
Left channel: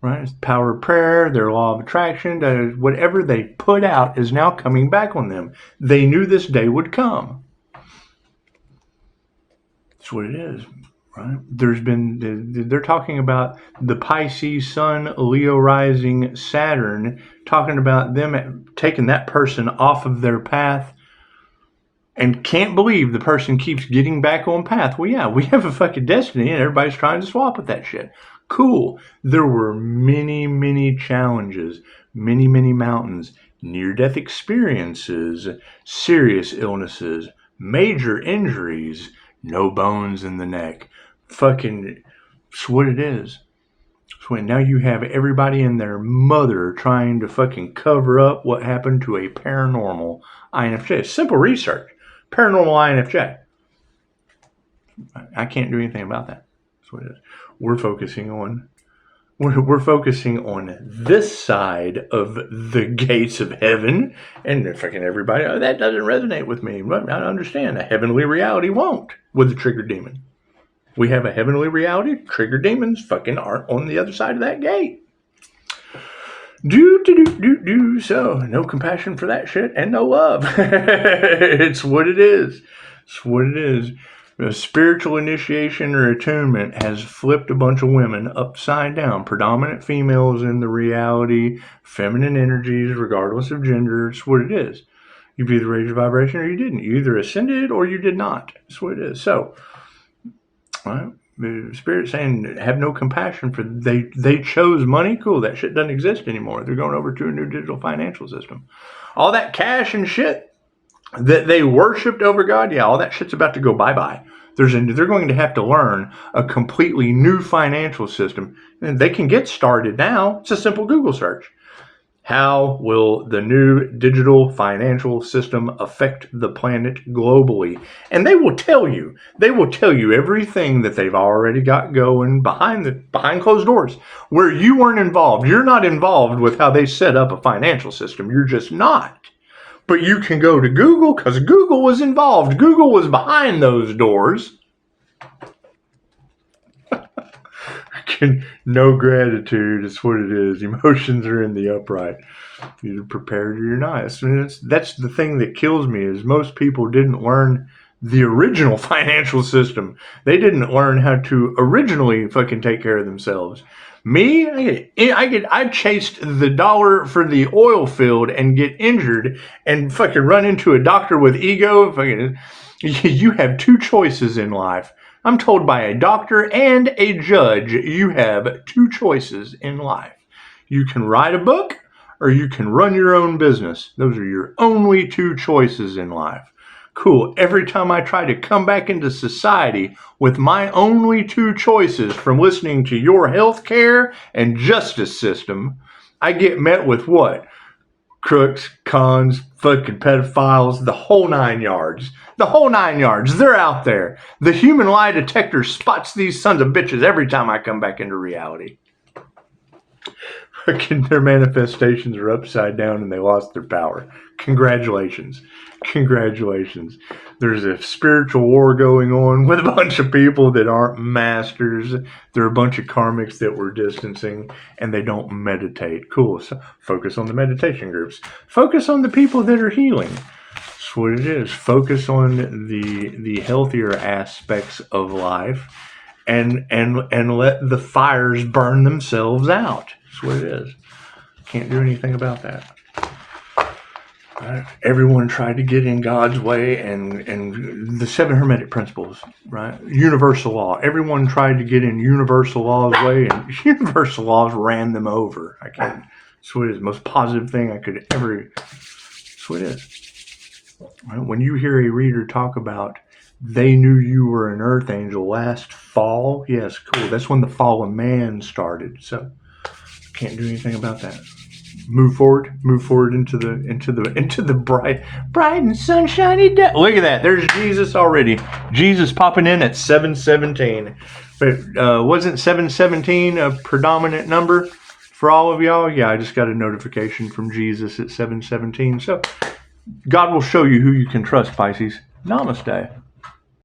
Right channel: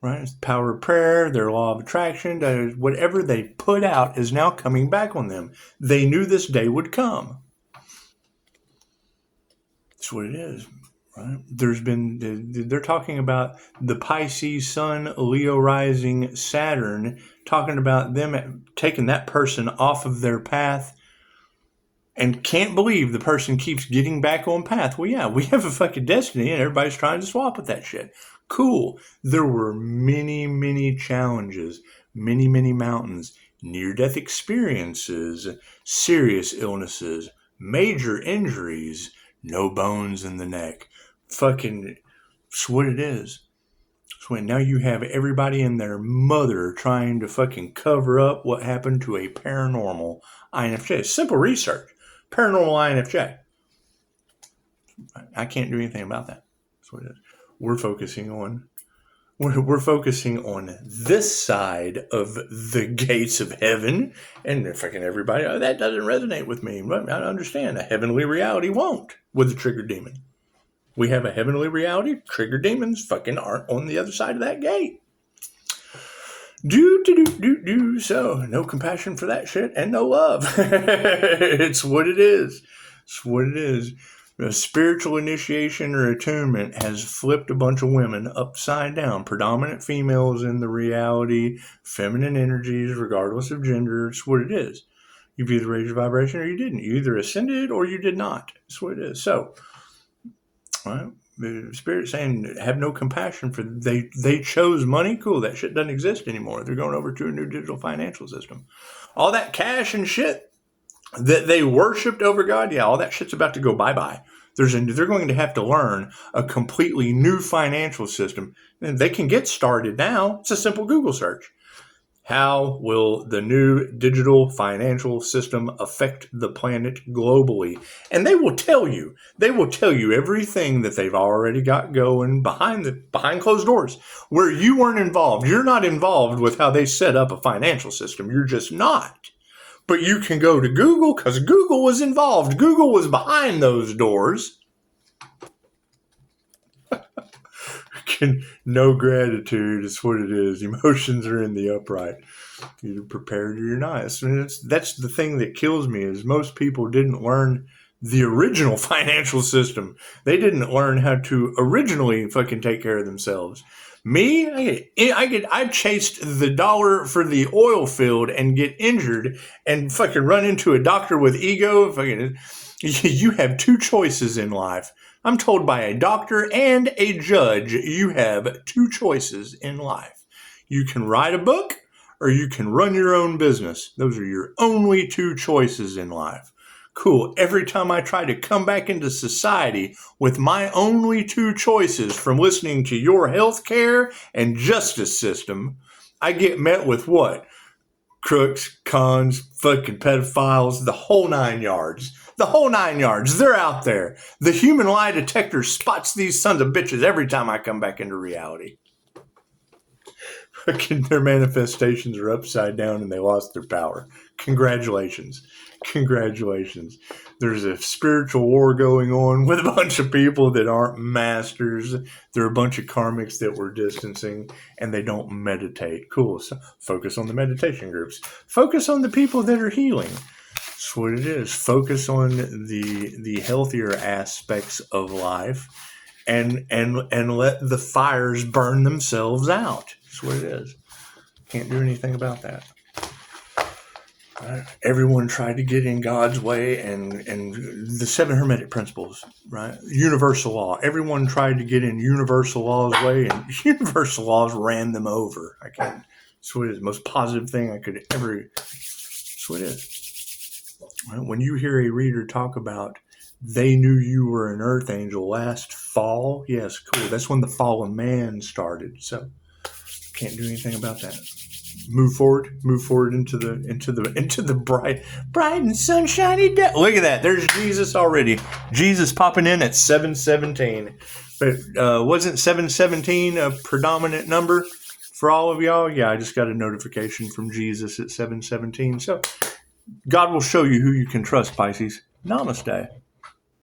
right? It's the power of prayer, their law of attraction. Whatever they put out is now coming back on them. They knew this day would come. That's what it is. Right? They're talking about the Pisces Sun, Leo rising, Saturn, talking about them taking that person off of their path and can't believe the person keeps getting back on path. Well, yeah, we have a fucking destiny and everybody's trying to swap with that shit. Cool. There were many, many challenges, many, many mountains, near-death experiences, serious illnesses, major injuries, no bones in the neck. Fucking, it's what it is. So now you have everybody and their mother trying to fucking cover up what happened to a paranormal INFJ. Simple research. Paranormal INFJ. I can't do anything about that. That's what it is. We're focusing on this side of the gates of heaven, and fucking everybody, that doesn't resonate with me. I understand. A heavenly reality won't with the trigger demon. We have a heavenly reality. Trigger demons fucking aren't on the other side of that gate. So no compassion for that shit and no love. It's what it is. It's what it is. The spiritual initiation or attunement has flipped a bunch of women upside down. Predominant females in the reality, feminine energies, regardless of gender. It's what it is. You've either raised your vibration or you didn't. You either ascended or you did not. That's what it is. So, right? The spirit saying have no compassion for they chose money. Cool, that shit doesn't exist anymore. They're going over to a new digital financial system. All that cash and shit that they worshipped over God, yeah, all that shit's about to go bye-bye. They're going to have to learn a completely new financial system. And they can get started now. It's a simple Google search. How will the new digital financial system affect the planet globally? And they will tell you everything that they've already got going behind closed doors where you weren't involved. You're not involved with how they set up a financial system. You're just not. But you can go to Google because Google was involved. Google was behind those doors. No gratitude. It's what it is. Emotions are in the upright. You're prepared or you're not. That's the thing that kills me is most people didn't learn the original financial system. They didn't learn how to originally fucking take care of themselves. Me, I chased the dollar for the oil field and get injured and fucking run into a doctor with ego. Fucking, you have two choices in life. I'm told by a doctor and a judge, you have two choices in life. You can write a book or you can run your own business. Those are your only two choices in life. Cool. Every time I try to come back into society with my only two choices from listening to your healthcare and justice system, I get met with what? Crooks, cons, fucking pedophiles, the whole 9 yards. The whole 9 yards. They're out there. The human lie detector spots these sons of bitches every time I come back into reality. Their manifestations are upside down and they lost their power. Congratulations. Congratulations. There's a spiritual war going on with a bunch of people that aren't masters. There are a bunch of karmics that we're distancing and they don't meditate. Cool. So focus on the meditation groups. Focus on the people that are healing. That's what it is. Focus on the healthier aspects of life and let the fires burn themselves out. That's what it is. Can't do anything about that. Right? Everyone tried to get in God's way and the 7 Hermetic principles, right? Universal law. Everyone tried to get in universal law's way and universal laws ran them over. I can't. That's what it is. The most positive thing I could ever. That's what it is. Right? When you hear a reader talk about they knew you were an earth angel last fall, yes, cool. That's when the fall of man started. So can't do anything about that. Move forward into the bright and sunshiny day. Look at that. There's Jesus already. Jesus popping in at 7:17. But wasn't 7:17 a predominant number for all of y'all? Yeah, I just got a notification from Jesus at 7:17. So God will show you who you can trust, Pisces. Namaste.